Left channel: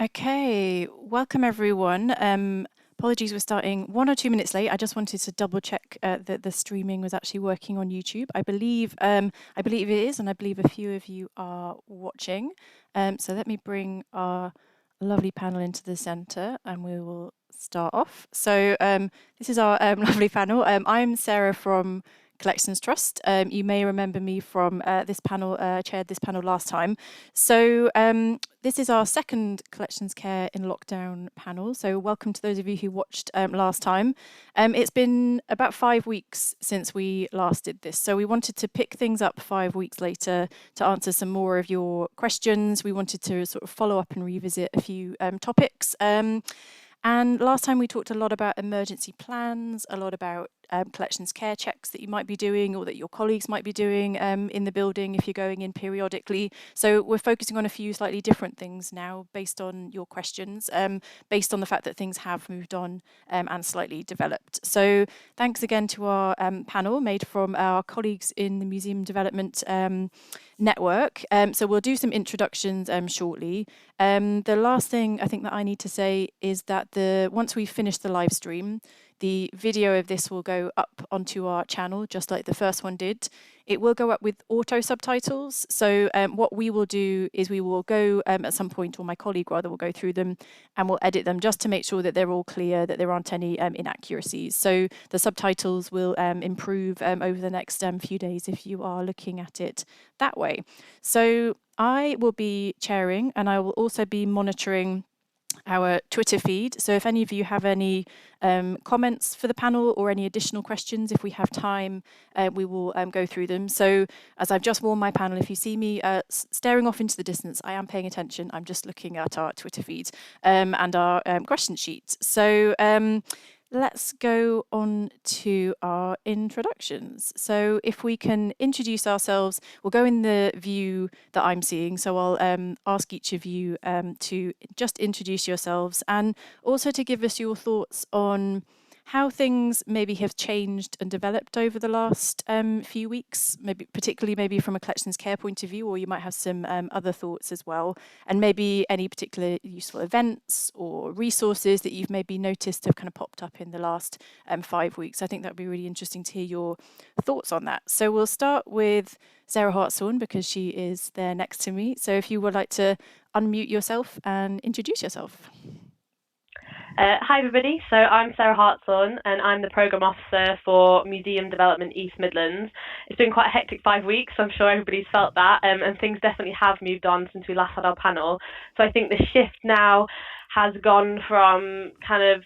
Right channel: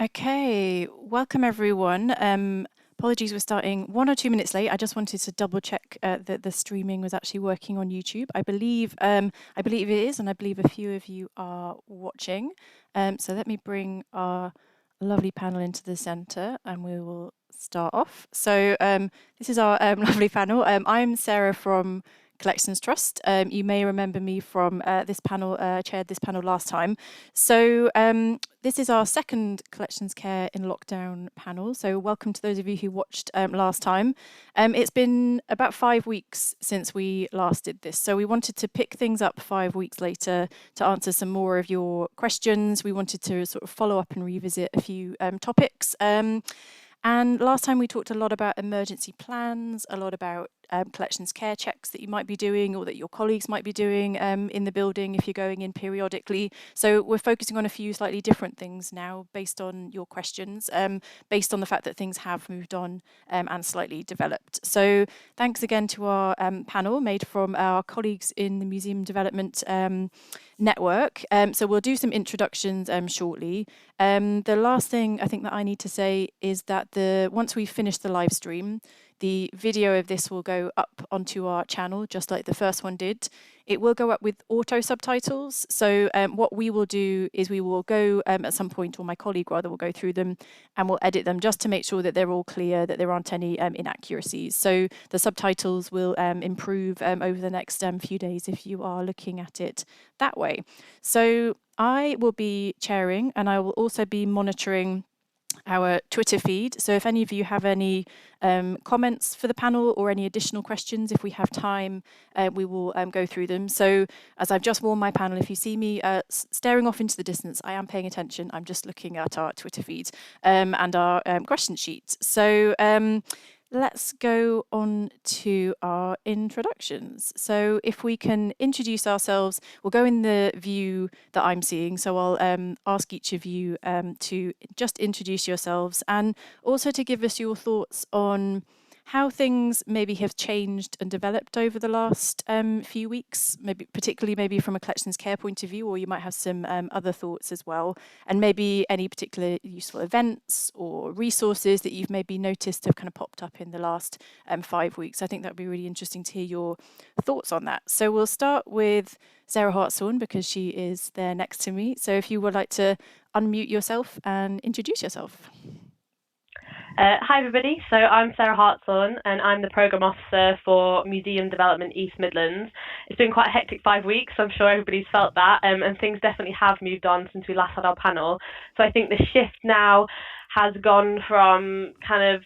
Okay, welcome everyone. Apologies, we're starting 1 or 2 minutes late. I just wanted to double check that the streaming was actually working on YouTube. I believe it is, and I believe a few of you are watching. So let me bring our lovely panel into the centre, and we will start off. So this is our lovely panel. I'm Sarah from Collections Trust. You may remember me from this panel, chaired this panel last time. So this is our second Collections Care in Lockdown panel. So welcome to those of you who watched last time. It's been about 5 weeks since we last did this. So we wanted to pick things up 5 weeks later to answer some more of your questions. We wanted to sort of follow up and revisit a few topics. And last time we talked a lot about emergency plans, a lot about collections care checks that you might be doing or that your colleagues might be doing in the building if you're going in periodically. So we're focusing on a few slightly different things now based on your questions, based on the fact that things have moved on and slightly developed. So thanks again to our panel made from our colleagues in the Museum Development Network. So we'll do some introductions shortly. The last thing I think that I need to say is that once we finish the live stream, the video of this will go up onto our channel, just like the first one did. It will go up with auto subtitles. So what we will do is we will go at some point, or my colleague rather will go through them and we'll edit them just to make sure that they're all clear, that there aren't any inaccuracies. So the subtitles will improve over the next few days if you are looking at it that way. So I will be chairing and I will also be monitoring our Twitter feed. So if any of you have any comments for the panel or any additional questions, if we have time, we will go through them. So as I've just warned my panel, if you see me staring off into the distance, I am paying attention. I'm just looking at our Twitter feed and our question sheet. So let's go on to our introductions. So if we can introduce ourselves, we'll go in the view that I'm seeing. So I'll ask each of you to just introduce yourselves and also to give us your thoughts on how things maybe have changed and developed over the last few weeks, particularly from a collections care point of view, or you might have some other thoughts as well, and maybe any particular useful events or resources that you've maybe noticed have kind of popped up in the last 5 weeks. I think that would be really interesting to hear your thoughts on that. So we'll start with Sarah Hartshorne because she is there next to me. So if you would like to unmute yourself and introduce yourself. Hi everybody, so I'm Sarah Hartshorne and I'm the Programme Officer for Museum Development East Midlands. It's been quite a hectic 5 weeks, so I'm sure everybody's felt that, and things definitely have moved on since we last had our panel. So I think the shift now has gone from kind of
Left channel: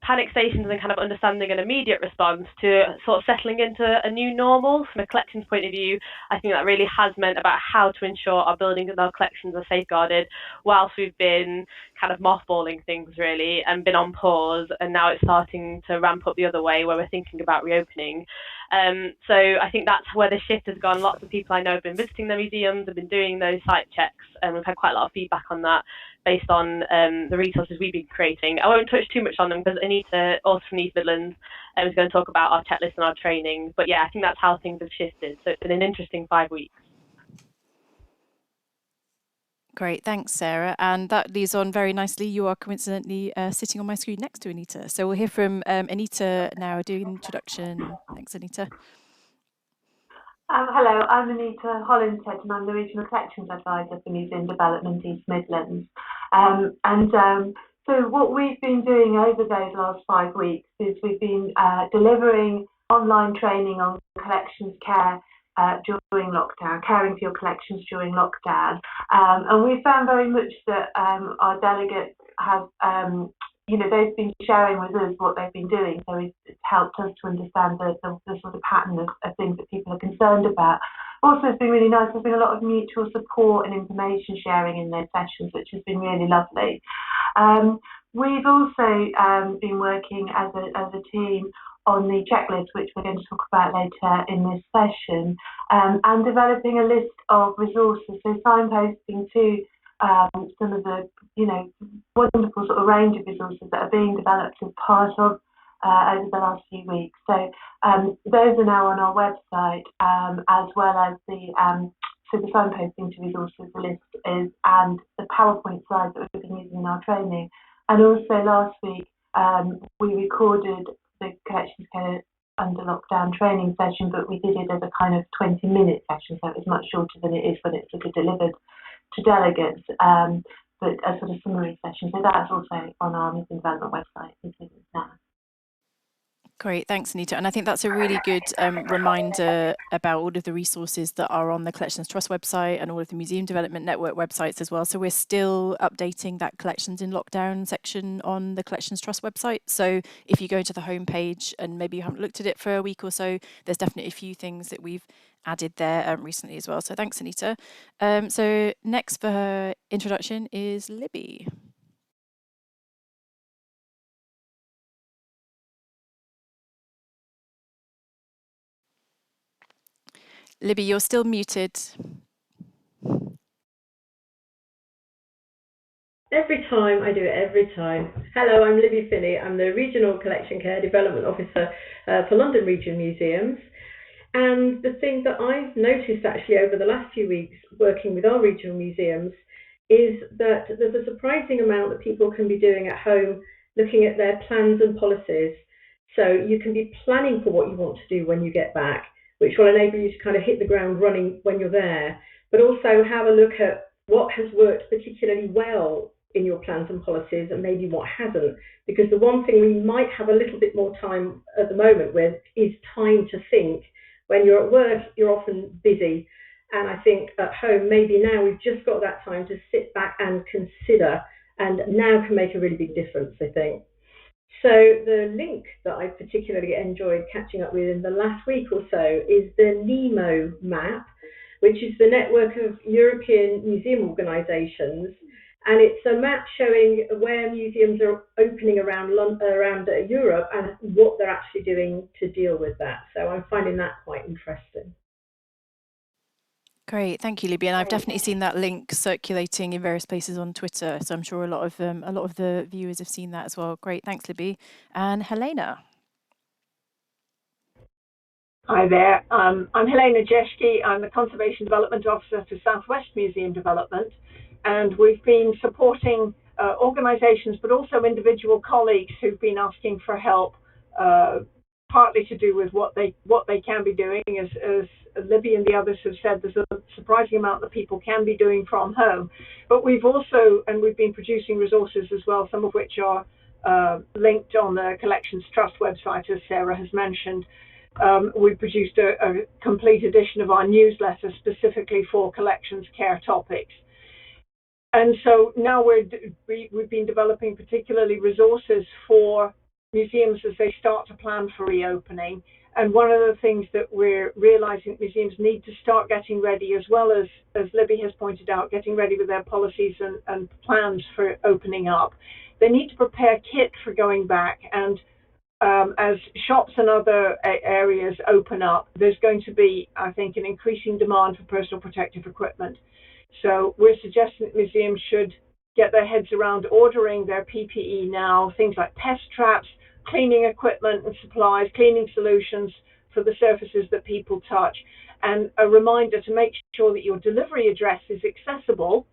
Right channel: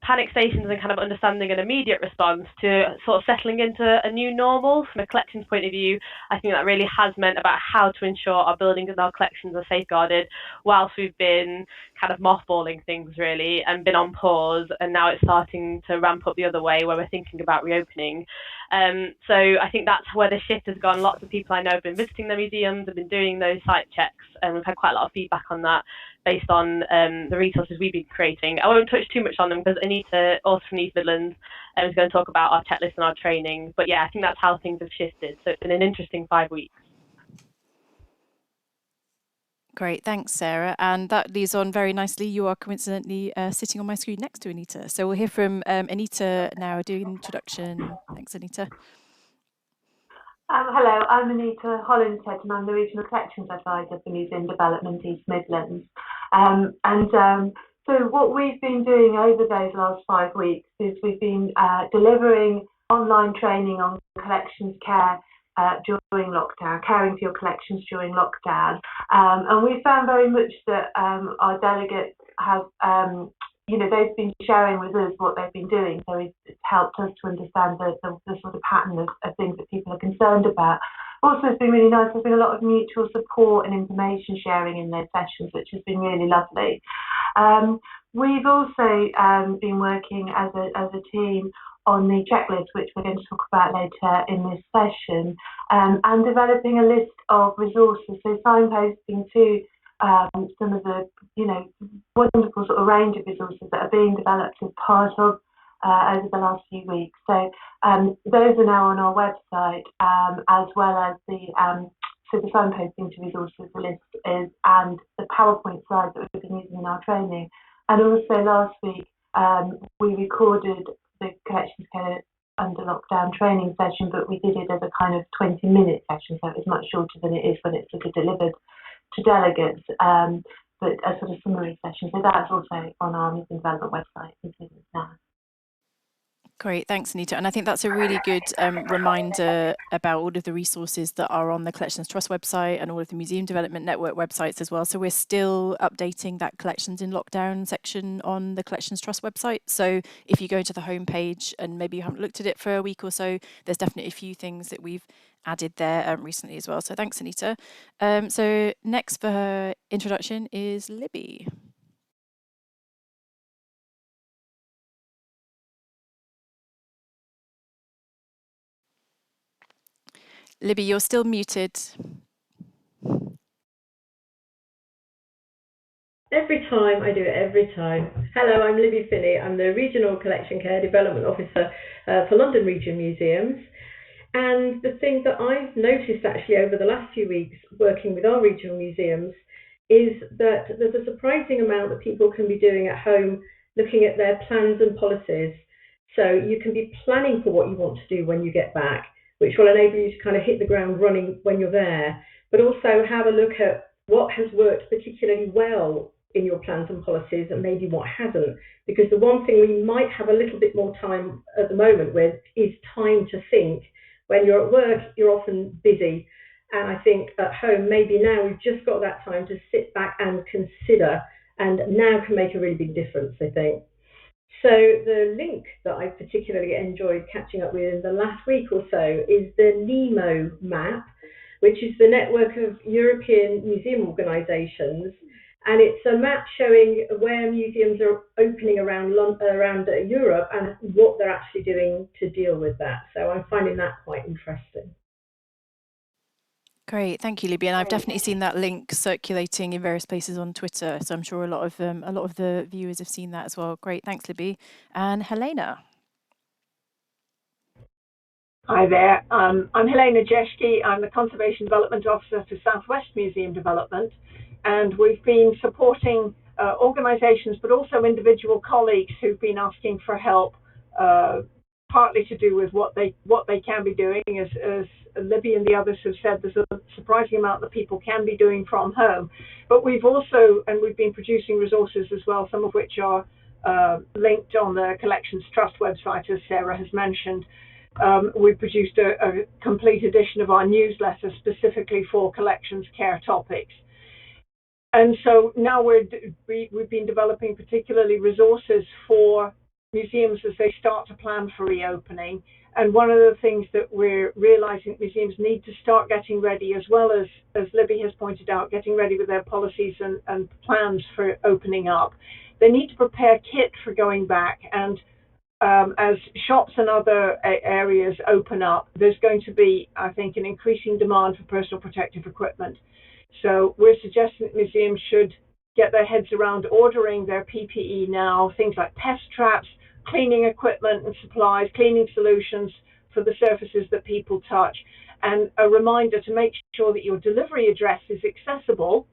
panic stations and kind of understanding an immediate response to sort of settling into a new normal. From a collections point of view, I think that really has meant about how to ensure our buildings and our collections are safeguarded whilst we've been kind of mothballing things really and been on pause, and now it's starting to ramp up the other way where we're thinking about reopening. So I think that's where the shift has gone. Lots of people I know have been visiting the museums, have been doing those site checks, and we've had quite a lot of feedback on that based on the resources we've been creating. I won't touch too much on them because Anita, also from East Midlands, is going to talk about our checklist and our training. But yeah, I think that's how things have shifted. So it's been an interesting 5 weeks. Great, thanks, Sarah. And that leads on very nicely. You are coincidentally sitting on my screen next to Anita. So we'll hear from Anita now doing an introduction. Thanks, Anita. Hello, I'm Anita, Hollinshead, and I'm the Regional Collections Advisor for Museum Development East Midlands. So what we've been doing over those last 5 weeks is we've been delivering online training on collections care during lockdown, caring for your collections during lockdown. And we found very much that our delegates have they've been sharing with us what they've been doing, so it's helped us to understand the sort of pattern of things that people are concerned about. Also, it's been really nice. There's been a lot of mutual support and information sharing in those sessions, which has been really lovely. We've also been working as a team on the checklist, which we're going to talk about later in this session, and developing a list of resources, so signposting to some of the wonderful sort of range of resources that are being developed as part of over the last few weeks. So those are now on our website, as well as the so the signposting to resources, the list is, and the PowerPoint slides that we've been using in our training. And also last week, we recorded the collections care under lockdown training session, but we did it as a kind of 20-minute session, so it was much shorter than it is when it's sort of delivered to delegates, but a sort of summary session. So that's also on our Museum Development website now. Great, thanks, Anita. And I think that's a really good reminder about all of the resources that are on the Collections Trust website and all of the Museum Development Network websites as well. So we're still updating that Collections in Lockdown section on the Collections Trust website. So if you go to the homepage and maybe you haven't looked at it for a week or so, there's definitely a few things that we've added there recently as well. So thanks, Anita. So next for her introduction is Libby. Libby, you're still muted. Every time I do it, every time. Hello, I'm Libby Finney. I'm the Regional Collection Care Development Officer for London Region Museums. And the thing that I've noticed actually over the last few weeks working with our regional museums is that there's a surprising amount that people can be doing at home looking at their plans and policies. So you can be planning for what you want to do when you get back, which will enable you to kind of hit the ground running when you're there, but also have a look at what has worked particularly well in your plans and policies and maybe what hasn't. Because the one thing we might have a little bit more time at the moment with is time to think. When you're at work, you're often busy. And I think at home, maybe now we've just got that time to sit back and consider, and now can make a really big difference, I think. So the link that I particularly enjoyed catching up with in the last week or so is the NEMO map, which is the network of European museum organisations. And it's a map showing where museums are opening around Europe and what they're actually doing to deal with that. So I'm finding that quite interesting. Great, thank you, Libby. And I've definitely seen that link circulating in various places on Twitter. So I'm sure a lot of the viewers have seen that as well. Great, thanks, Libby. And Helena. Hi there. I'm Helena Jaeschke. I'm the Conservation Development Officer for Southwest Museum Development. And we've been supporting organisations, but also individual colleagues who've been asking for help, partly to do with what they can be doing. As Libby and the others have said, there's a surprising amount that people can be doing from home. But we've been producing resources as well, some of which are linked on the Collections Trust website, as Sarah has mentioned. We've produced a complete edition of our newsletter specifically for collections care topics. And so now we've been developing particularly resources for museums as they start to plan for reopening. And one of the things that we're realizing museums need to start getting ready, as well as Libby has pointed out, getting ready with their policies and plans for opening up. They need to prepare kit for going back. And as shops and other areas open up, there's going to be, I think, an increasing demand for personal protective equipment. So we're suggesting that museums should get their heads around ordering their PPE now, things like pest traps, cleaning equipment and supplies, cleaning solutions for the surfaces that people touch, and a reminder to make sure that your delivery address is accessible,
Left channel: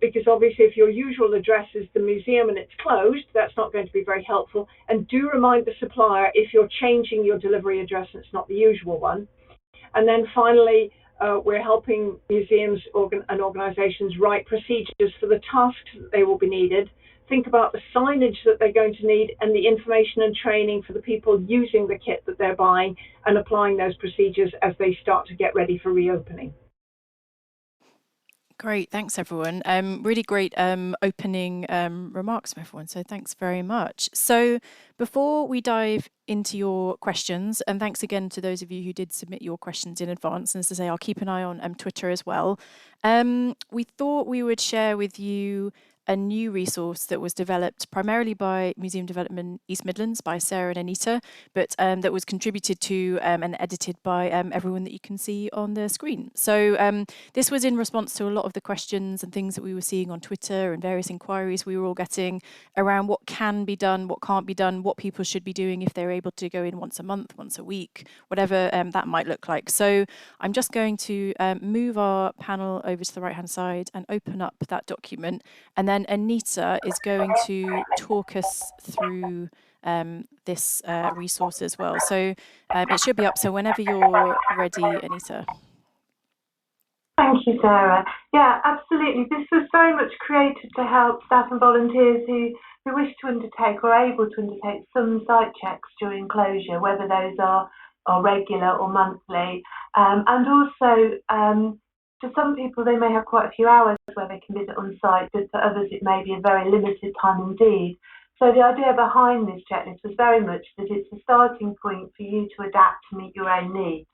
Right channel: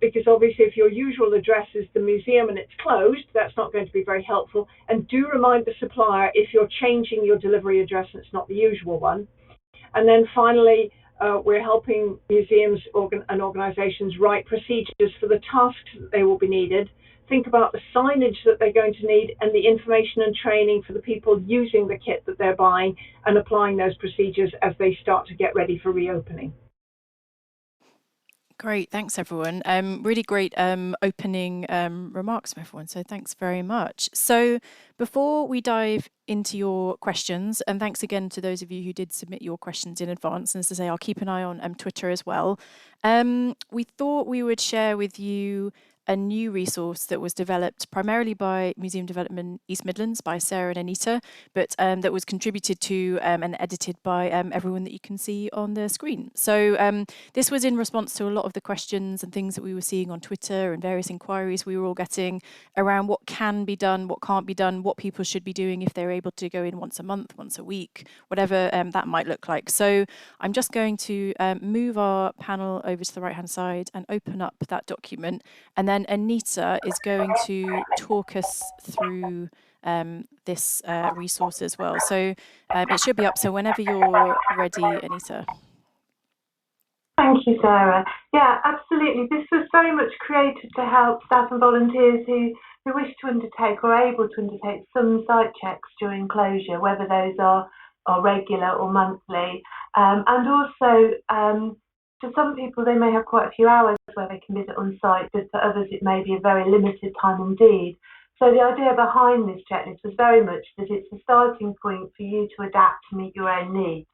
because obviously if your usual address is the museum and it's closed, that's not going to be very helpful. And do remind the supplier if you're changing your delivery address and it's not the usual one. And then finally, we're helping museums and organisations write procedures for the tasks that they will be needed, think about the signage that they're going to need, and the information and training for the people using the kit that they're buying, and applying those procedures as they start to get ready for reopening. Great, thanks everyone. Really great opening remarks from everyone, so thanks very much. So before we dive into your questions, and thanks again to those of you who did submit your questions in advance, and as I say, I'll keep an eye on Twitter as well. We thought we would share with you a new resource that was developed primarily by Museum Development East Midlands, by Sarah and Anita, but that was contributed to and edited by everyone that you can see on the screen. So this was in response to a lot of the questions and things that we were seeing on Twitter and various inquiries we were all getting around what can be done, what can't be done, what people should be doing if they're able to go in once a month, once a week, whatever that might look like. So I'm just going to move our panel over to the right-hand side and open up that document. And then Anita is going to talk us through this resource as well. So it should be up. So whenever you're ready, Anita. Thank you, Sarah. Yeah, absolutely. This was very much created to help staff and volunteers who wish to undertake or are able to undertake some site checks during closure, whether those are regular or monthly. And also, for some people, they may have quite a few hours where they can visit on site, but for others, it may be a very limited time indeed. So the idea behind this checklist was very much that it's a starting point for you to adapt to meet your own needs.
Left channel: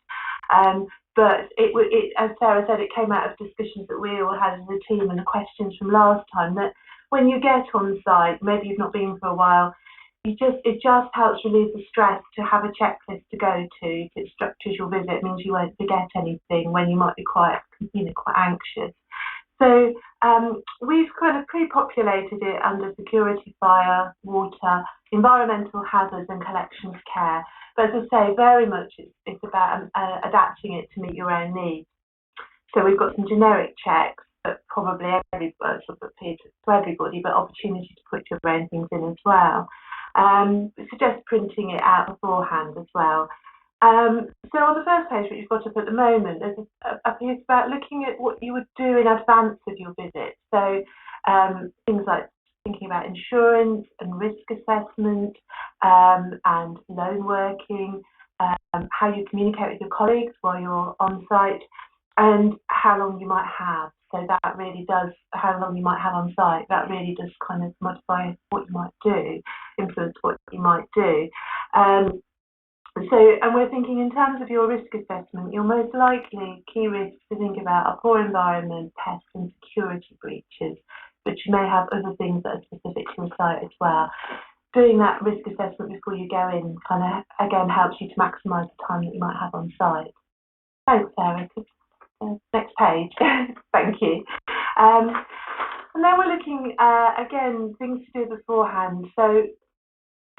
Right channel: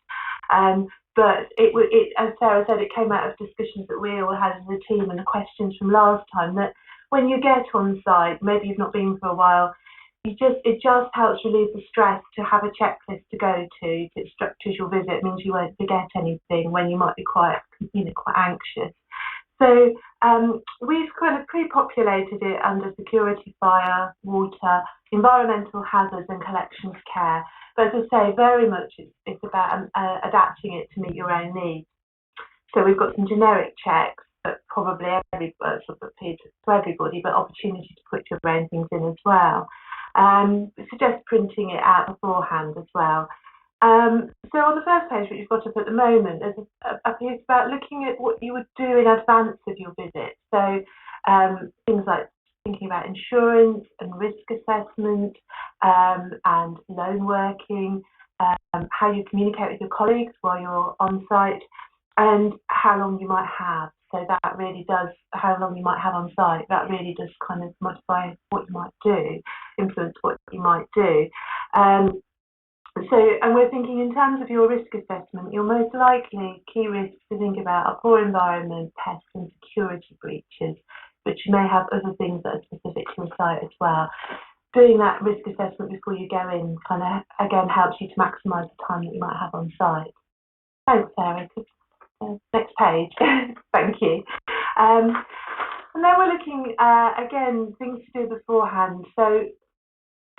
But as Sarah said, it came out of discussions that we all had as a team and the questions from last time, that when you get on site, maybe you've not been for a while, it just helps relieve the stress to have a checklist to go to. It structures your visit. It means you won't forget anything when you might be quite anxious. So we've kind of pre-populated it under security, fire, water, environmental hazards and collections care. But as I say, very much it's about adapting it to meet your own needs. So we've got some generic checks that probably appear to everybody, but opportunity to put your own things in as well. Suggest printing it out beforehand as well. So on the first page, which you've got up at the moment, there's a piece about looking at what you would do in advance of your visit. So things like thinking about insurance and risk assessment and loan working, how you communicate with your colleagues while you're on site, and how long you might have. So that really does, how long you might have on site, that really does kind of modify what you might do, influence what you might do. And we're thinking in terms of your risk assessment, your most likely key risks to think about are poor environment, pests and security breaches, but you may have other things that are specific to your site as well. Doing that risk assessment before you go in kind of, again, helps you to maximise the time that you might have on site. Thanks, Sarah. Next page. Thank you. And then we're looking, again, things to do beforehand. So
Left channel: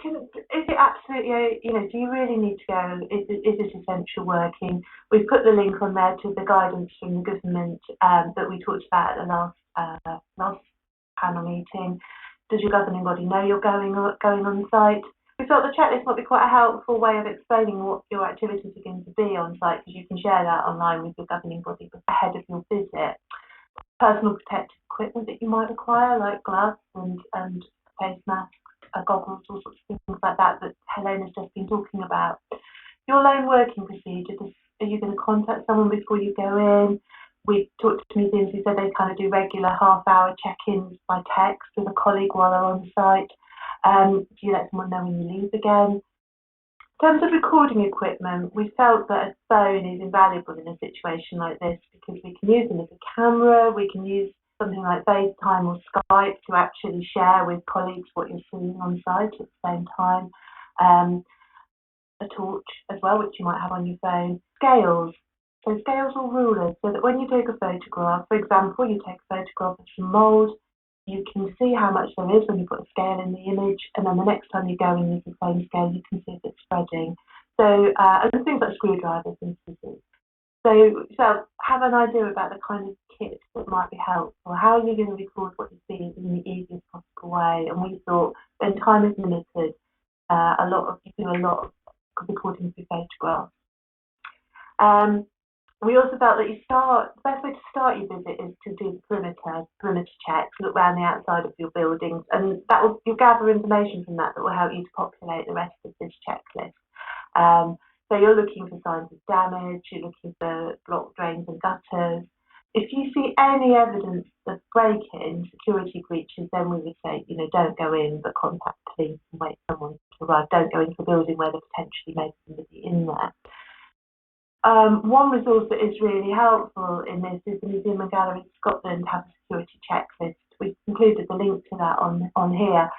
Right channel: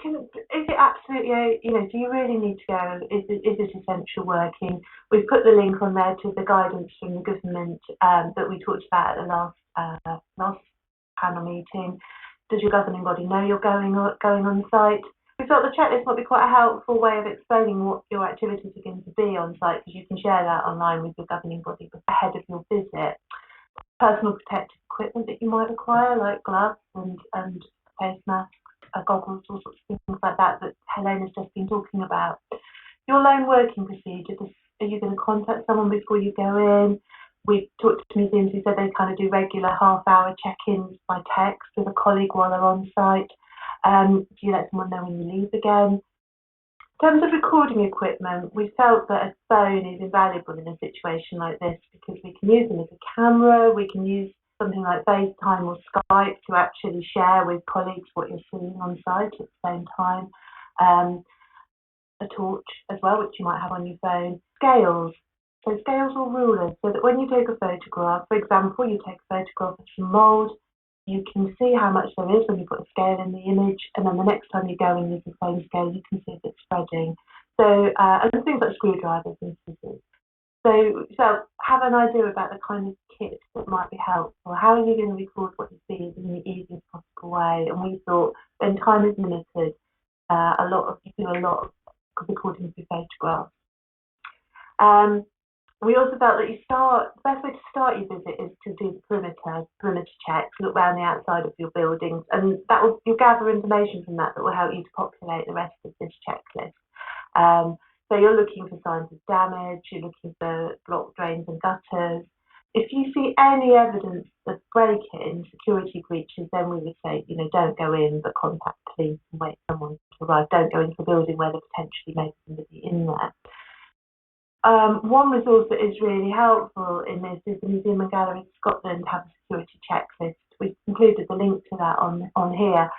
is it absolutely, do you really need to go? Is it essential working? We've put the link on there to the guidance from the government that we talked about at the last panel meeting. Does your governing body know you're going on site? We thought the checklist might be quite a helpful way of explaining what your activities are going to be on site, because you can share that online with your governing body ahead of your visit. Personal protective equipment that you might require, like gloves and face masks, goggles, all sorts of things like that Helena's just been talking about. Your loan working procedure, are you going to contact someone before you go in? We talked to museums who said they kind of do regular half-hour check-ins by text with a colleague while they're on site. Do you let someone know when you leave again? In terms of recording equipment, we felt that a phone is invaluable in a situation like this because we can use them as a camera, we can use something like FaceTime or Skype to actually share with colleagues what you're seeing on site at the same time. A torch as well, which you might have on your phone. Scales. So scales or rulers, so that when you take a photograph, for example, you take a photograph of some mould, you can see how much there is when you put a scale in the image, and then the next time you go and use the same scale, you can see if it's spreading. So, and things like screwdrivers and scissors. So have an idea about the kind of kit that might be helpful. How are you going to record what you see in the easiest possible way? And we thought when time is limited, you do a lot of recording through photographs. We also felt that the best way to start your visit is to do the perimeter checks, look around the outside of your buildings, and you'll gather information from that will help you to populate the rest of this checklist. So you're looking for signs of damage, you're looking for blocked drains and gutters. If you see any evidence of break-in, security breaches, then we would say, don't go in, but contact police and wait for someone to arrive. Don't go into a building where there potentially may be somebody in there. One resource that is really helpful in this is the Museum and Gallery of Scotland have a security checklist We've included the link to that on here.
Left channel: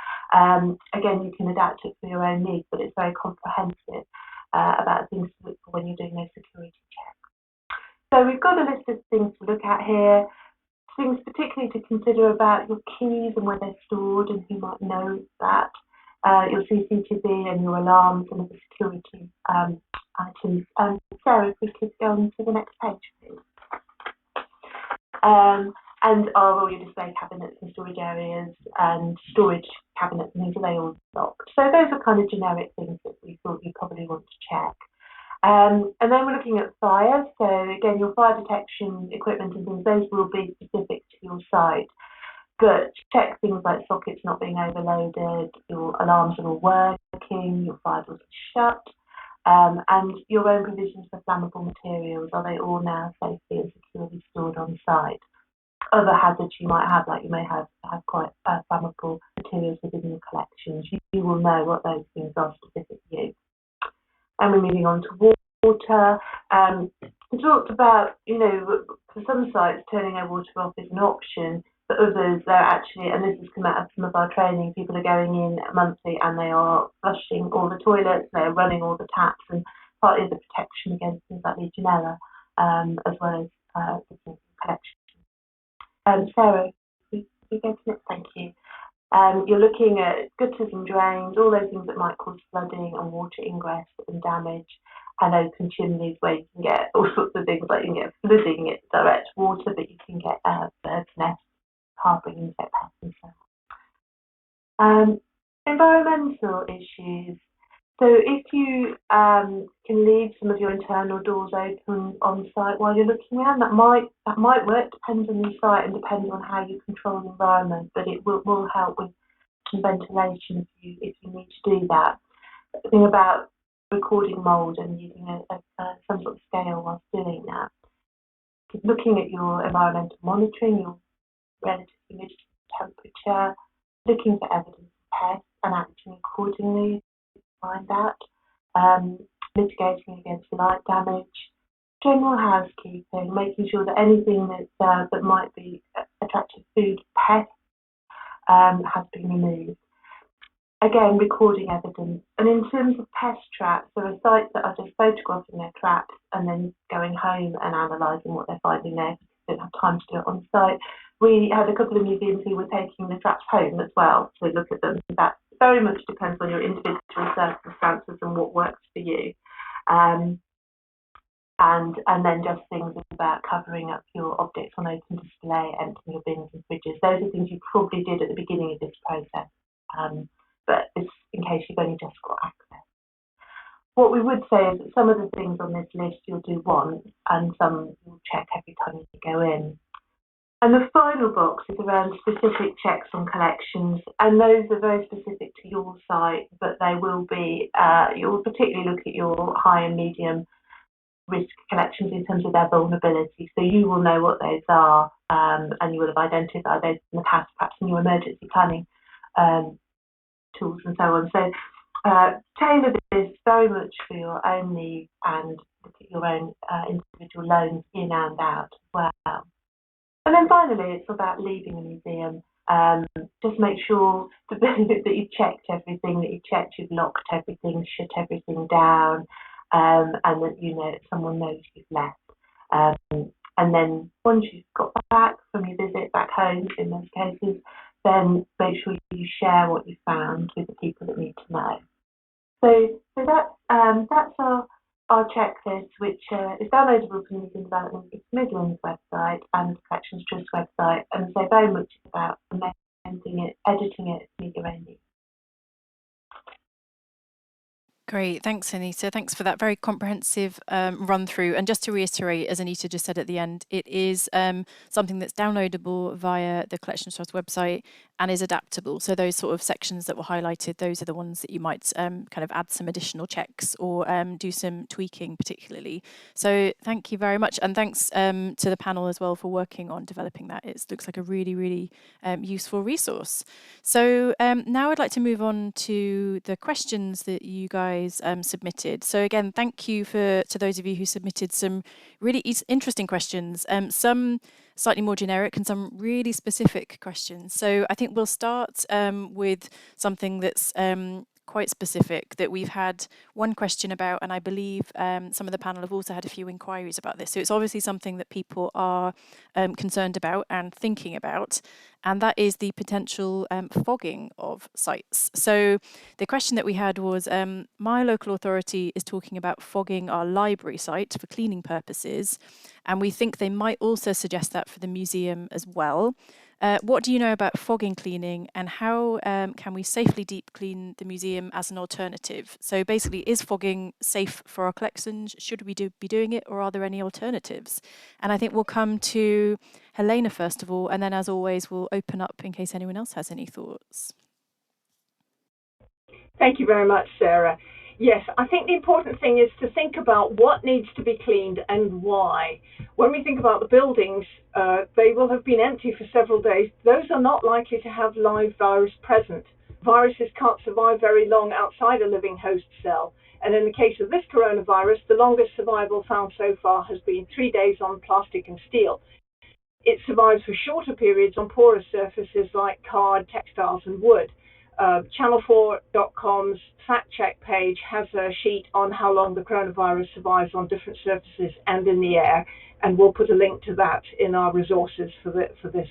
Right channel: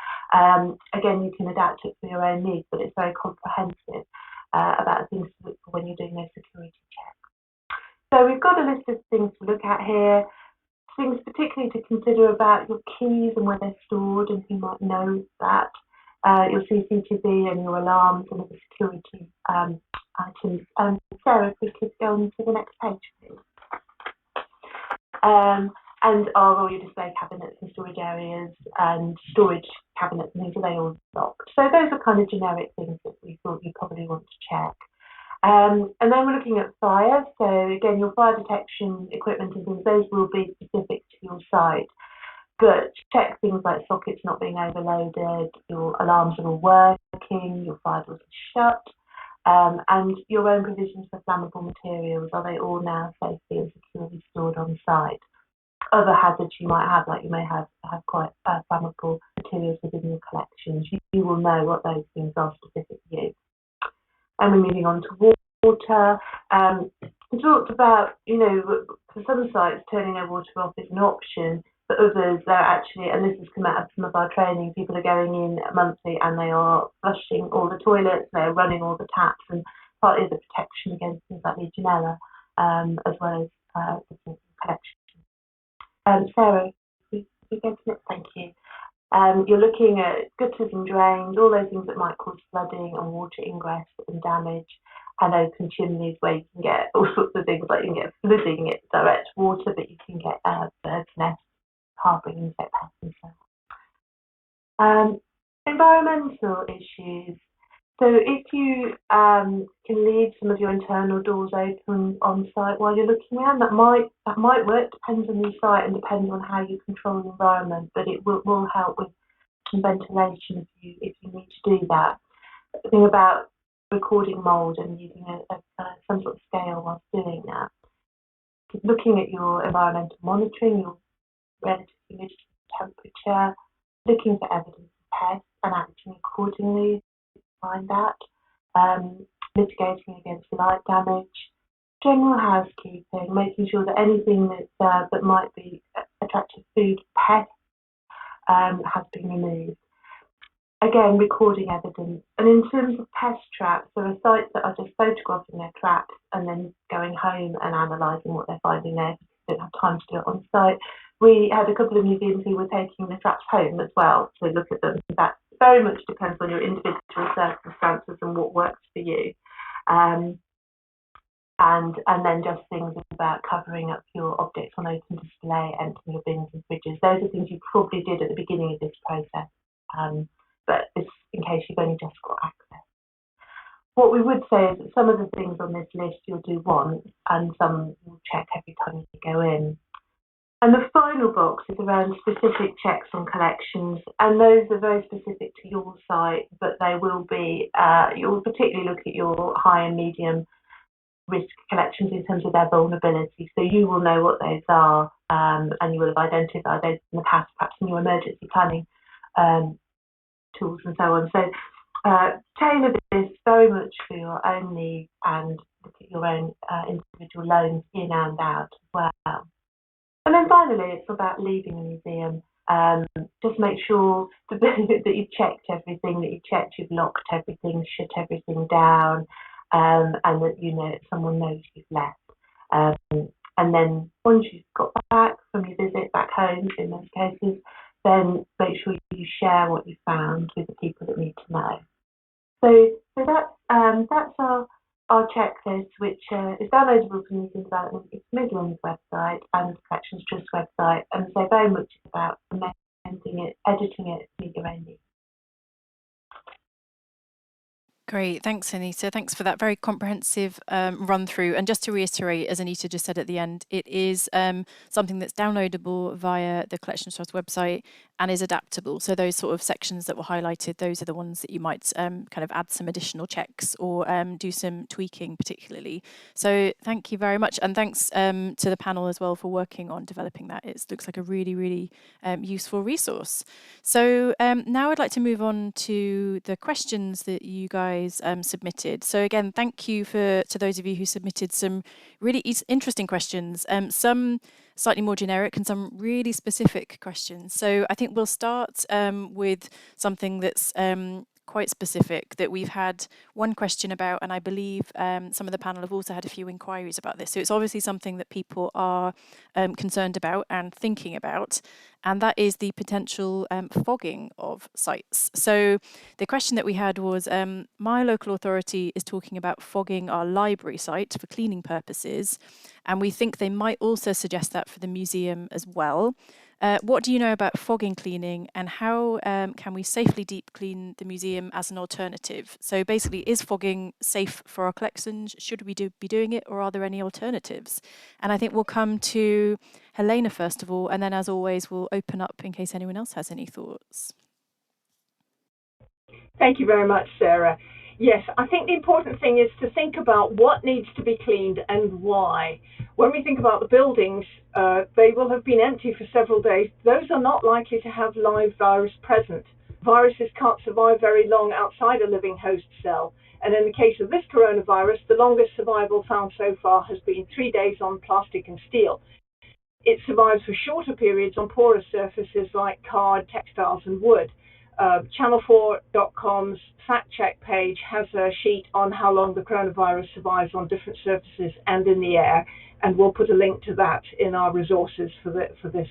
Again, you can adapt it for your own needs, but it's very comprehensive about things to look for when you're doing those security checks. So we've got a list of things to look at here, things particularly to consider about your keys and where they're stored and who might know that, your CCTV and your alarms and the security items. Sarah, if we could go on to the next page, please. And are all your display cabinets and storage areas and storage cabinets and things, are they all locked? So those are kind of generic things that we thought you probably want to check. And then we're looking at fire. So again, your fire detection equipment and things, those will be specific to your site. But check things like sockets not being overloaded, your alarms are all working, your fire doors are shut, and your own provisions for flammable materials, are they all now safely and securely stored on site? Other hazards you might have, like you may have quite flammable materials within your collections, you will know what those things are specific to you. And we're moving on to water. We talked about, for some sites, turning their water off is an option. For others, they're actually, and this has come out of some of our training, people are going in monthly and they are flushing all the toilets, they're running all the taps, and partly the protection against things like Legionella, as well as the collection. Sarah, we go to next, thank you. You're looking at gutters and drains, all those things that might cause flooding and water ingress and damage, and open chimneys where you can get all sorts of things, like you can get flooding, it's direct water, but you can get birds' nests, harbouring insect pests and so on. Environmental issues. So if you can leave some of your internal doors open on site while you're looking around, that might work, depends on your site and depends on how you control the environment, but it will help with some ventilation if you need to do that. The thing about recording mould and using some sort of scale whilst doing that, looking at your environmental monitoring, your relative humidity, temperature, looking for evidence of pests and acting accordingly, find that, mitigating against light damage, general housekeeping, making sure that anything that might be attractive food pests has been removed. Again, recording evidence. And in terms of pest traps, there are sites that are just photographing their traps and then going home and analysing what they're finding there because they don't have time to do it on site. We had a couple of museums who were taking the traps home as well to look at them. That very much depends on your individual circumstances and what works for you. And then just things about covering up your objects on open display, emptying your bins and fridges. Those are things you probably did at the beginning of this process, but it's in case you've only just got access. What we would say is that some of the things on this list you'll do once and some you'll check every time you go in. And the final box is around specific checks on collections, and those are very specific to your site, but they will be, you'll particularly look at your high and medium risk collections in terms of their vulnerability. So you will know what those are, and you will have identified those in the past, perhaps in your emergency planning tools and so on. So tailor this very much for your own needs and look at your own individual loans in and out as well. And then finally, it's about leaving the museum. Just make sure that you've checked everything, that you've locked everything, shut everything down, and that someone knows you've left. And then once you've got back from your visit back home, in most cases, then make sure you share what you found with the people that need to know. So that's our checklist, which is downloadable from the Museum Development East Midlands website and the Collections Trust website, and so very much about amending it, editing it, meet your own needs. Great, thanks Anita. Thanks for that very comprehensive run through. And just to reiterate, as Anita just said at the end, it is something that's downloadable via the Collections Trust website and is adaptable. So those sort of sections that were highlighted, those are the ones that you might kind of add some additional checks or do some tweaking particularly. So thank you very much. And thanks to the panel as well for working on developing that. It looks like a really, really useful resource. So now I'd like to move on to the questions that you guys submitted. So again, thank you to those of you who submitted some really interesting questions. Some slightly more generic and some really specific questions. So I think we'll start with something that's quite specific that we've had one question about, and I believe some of the panel have also had a few inquiries about this. So it's obviously something that people are concerned about and thinking about, and that is the potential fogging of sites. So the question that we had was, my local authority is talking about fogging our library site for cleaning purposes, and we think they might also suggest that for the museum as well. What do you know about fogging cleaning, and how can we safely deep clean the museum as an alternative? So basically, is fogging safe for our collections? Should we be doing it, or are there any alternatives? And I think we'll come to Helena first of all, and then as always, we'll open up in case anyone else has any thoughts. Thank you very much, Sarah. Yes, I think the important thing is to think about what needs to be cleaned and why. When we think about the buildings, they will have been empty for several days. Those are not likely to have live virus present. Viruses can't survive very long outside a living host cell. And in the case of this coronavirus, the longest survival found so far has been 3 days on plastic and steel. It survives for shorter periods on porous surfaces like card, textiles, and wood. Channel4.com's fact check page has a sheet on how long the coronavirus survives on different surfaces and in the air, and we'll put a link to that in our resources for this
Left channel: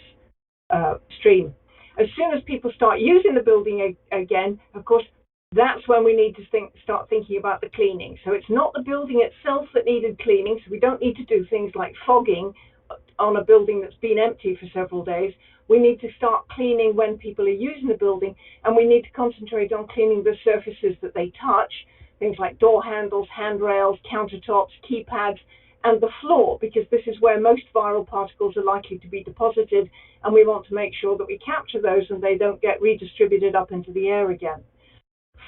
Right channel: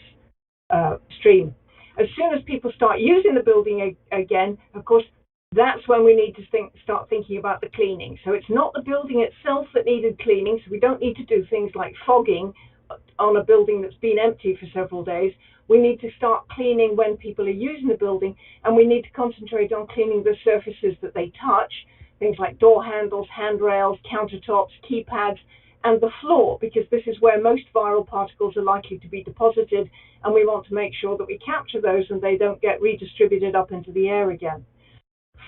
stream. As soon as people start using the building again, of course, that's when we need to start thinking about the cleaning. So it's not the building itself that needed cleaning, so we don't need to do things like fogging on a building that's been empty for several days. We need to start cleaning when people are using the building, and we need to concentrate on cleaning the surfaces that they touch, things like door handles, handrails, countertops, keypads, and the floor, because this is where most viral particles are likely to be deposited, and we want to make sure that we capture those and they don't get redistributed up into the air again.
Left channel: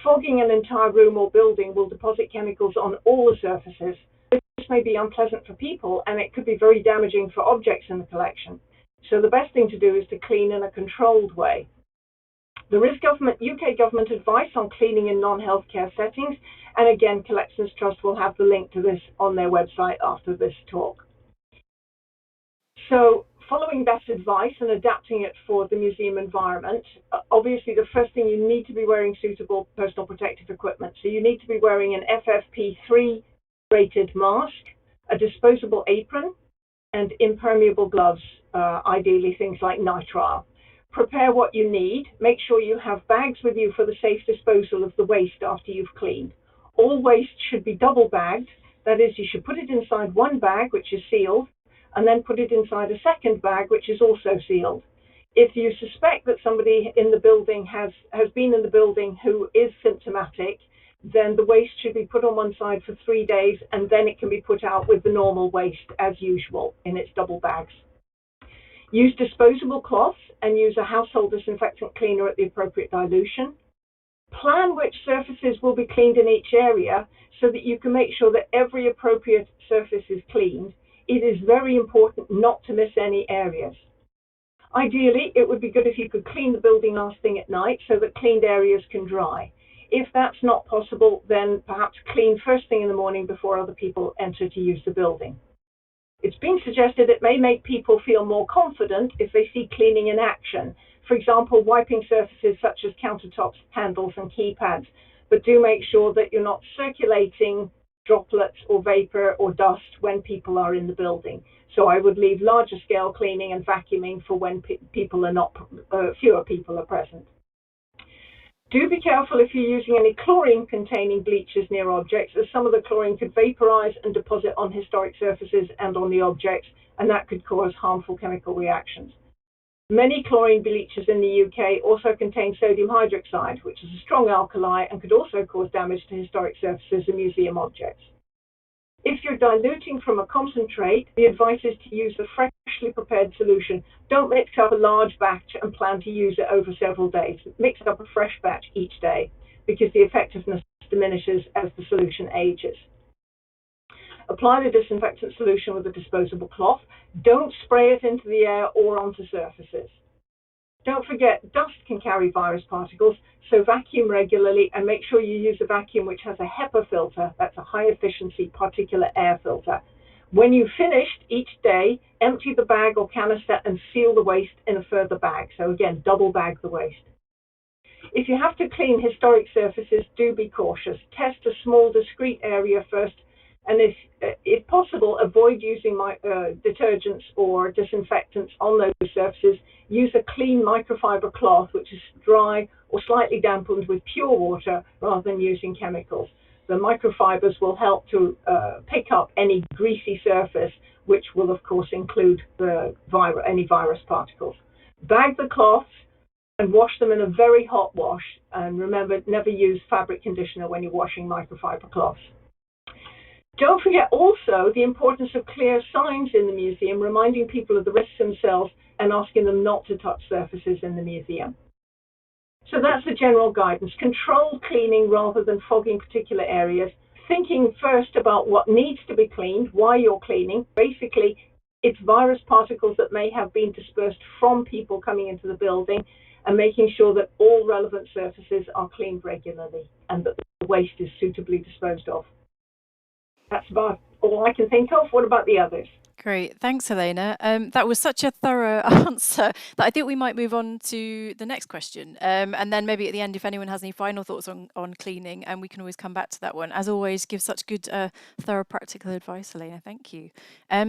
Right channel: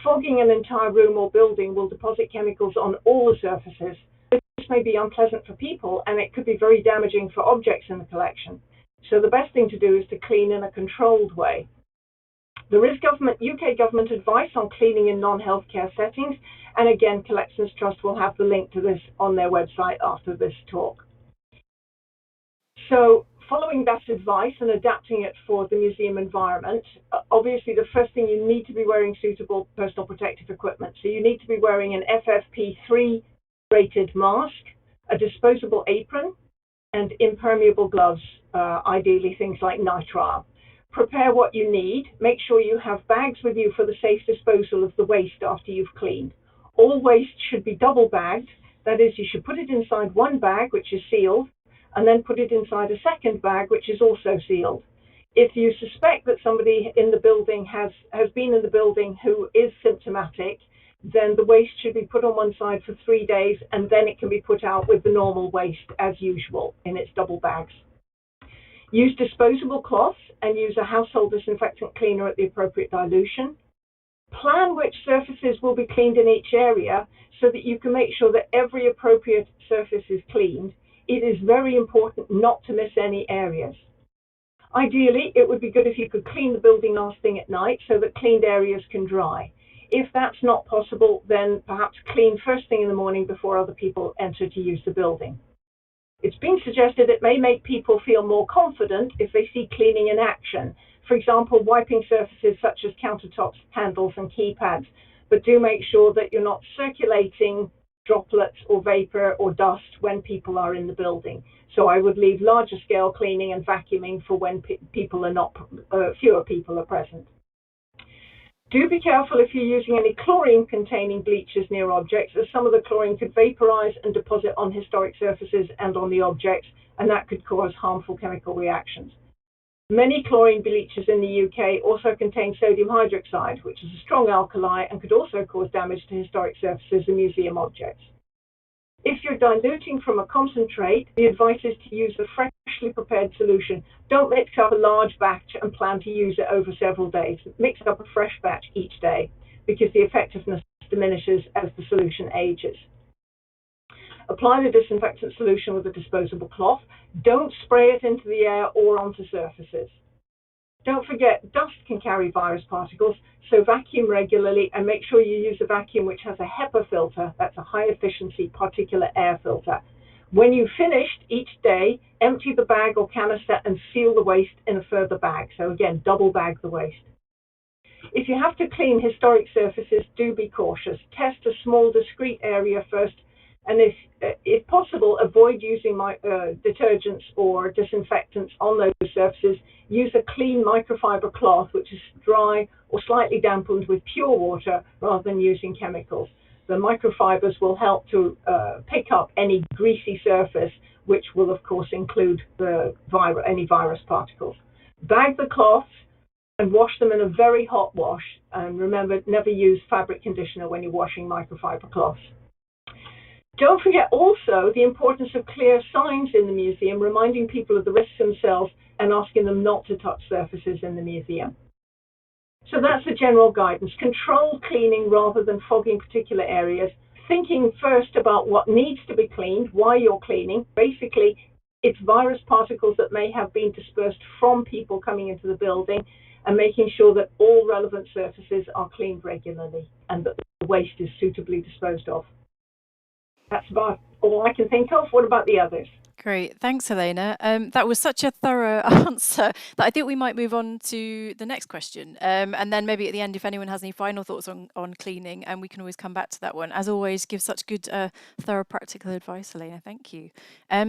Fogging an entire room or building will deposit chemicals on all the surfaces. This may be unpleasant for people, and it could be very damaging for objects in the collection. So the best thing to do is to clean in a controlled way. There is UK government advice on cleaning in non-healthcare settings, and again, Collections Trust will have the link to this on their website after this talk. So following that advice and adapting it for the museum environment, obviously the first thing, you need to be wearing suitable personal protective equipment. So you need to be wearing an FFP3 rated mask, a disposable apron, and impermeable gloves, ideally things like nitrile. Prepare what you need. Make sure you have bags with you for the safe disposal of the waste after you've cleaned. All waste should be double bagged. That is, you should put it inside one bag, which is sealed, and then put it inside a second bag, which is also sealed. If you suspect that somebody in the building has been in the building who is symptomatic, then the waste should be put on one side for 3 days, and then it can be put out with the normal waste as usual in its double bags. Use disposable cloths and use a household disinfectant cleaner at the appropriate dilution. Plan which surfaces will be cleaned in each area so that you can make sure that every appropriate surface is cleaned. It is very important not to miss any areas. Ideally, it would be good if you could clean the building last thing at night so that cleaned areas can dry. If that's not possible, then perhaps clean first thing in the morning before other people enter to use the building. It's been suggested it may make people feel more confident if they see cleaning in action. For example, wiping surfaces such as countertops, handles, and keypads. But do make sure that you're not circulating droplets or vapor or dust when people are in the building. So I would leave larger scale cleaning and vacuuming for when fewer people are present. Do be careful if you're using any chlorine-containing bleaches near objects, as some of the chlorine could vaporize and deposit on historic surfaces and on the objects, and that could cause harmful chemical reactions. Many chlorine bleaches in the UK also contain sodium hydroxide, which is a strong alkali and could also cause damage to historic surfaces and museum objects. If you're diluting from a concentrate, the advice is to use a freshly prepared solution. Don't mix up a large batch and plan to use it over several days. Mix up a fresh batch each day because the effectiveness diminishes as the solution ages. Apply the disinfectant solution with a disposable cloth. Don't spray it into the air or onto surfaces. Don't forget, dust can carry virus particles, so vacuum regularly and make sure you use a vacuum which has a HEPA filter, that's a high efficiency particulate air filter, When you've finished each day, empty the bag or canister and seal the waste in a further bag. So again, double bag the waste. If you have to clean historic surfaces, do be cautious. Test a small, discrete area first, and if possible, avoid using detergents or disinfectants on those surfaces. Use a clean microfiber cloth, which is dry or slightly dampened with pure water, rather than using chemicals. The microfibers will help to pick up any greasy surface, which will, of course, include any virus particles. Bag the cloths and wash them in a very hot wash. And remember, never use fabric conditioner when you're washing microfiber cloths. Don't forget also the importance of clear signs in the museum, reminding people of the risks themselves and asking them not to touch surfaces in the museum. So that's the general guidance. Control cleaning rather than fogging particular areas. Thinking first about what needs to be cleaned, why you're cleaning. Basically, it's virus particles that may have been dispersed from people coming into the building, and making sure that all relevant surfaces are cleaned regularly and that the waste is suitably disposed of. That's about all I can think of. What about the others? Great. Thanks, Helena. That was such a thorough answer that I think we might move on to the next question. And then maybe at the end, if anyone has any final thoughts on cleaning, and we can always come back to that one. As always, give such good, thorough, practical advice, Helena. Thank you.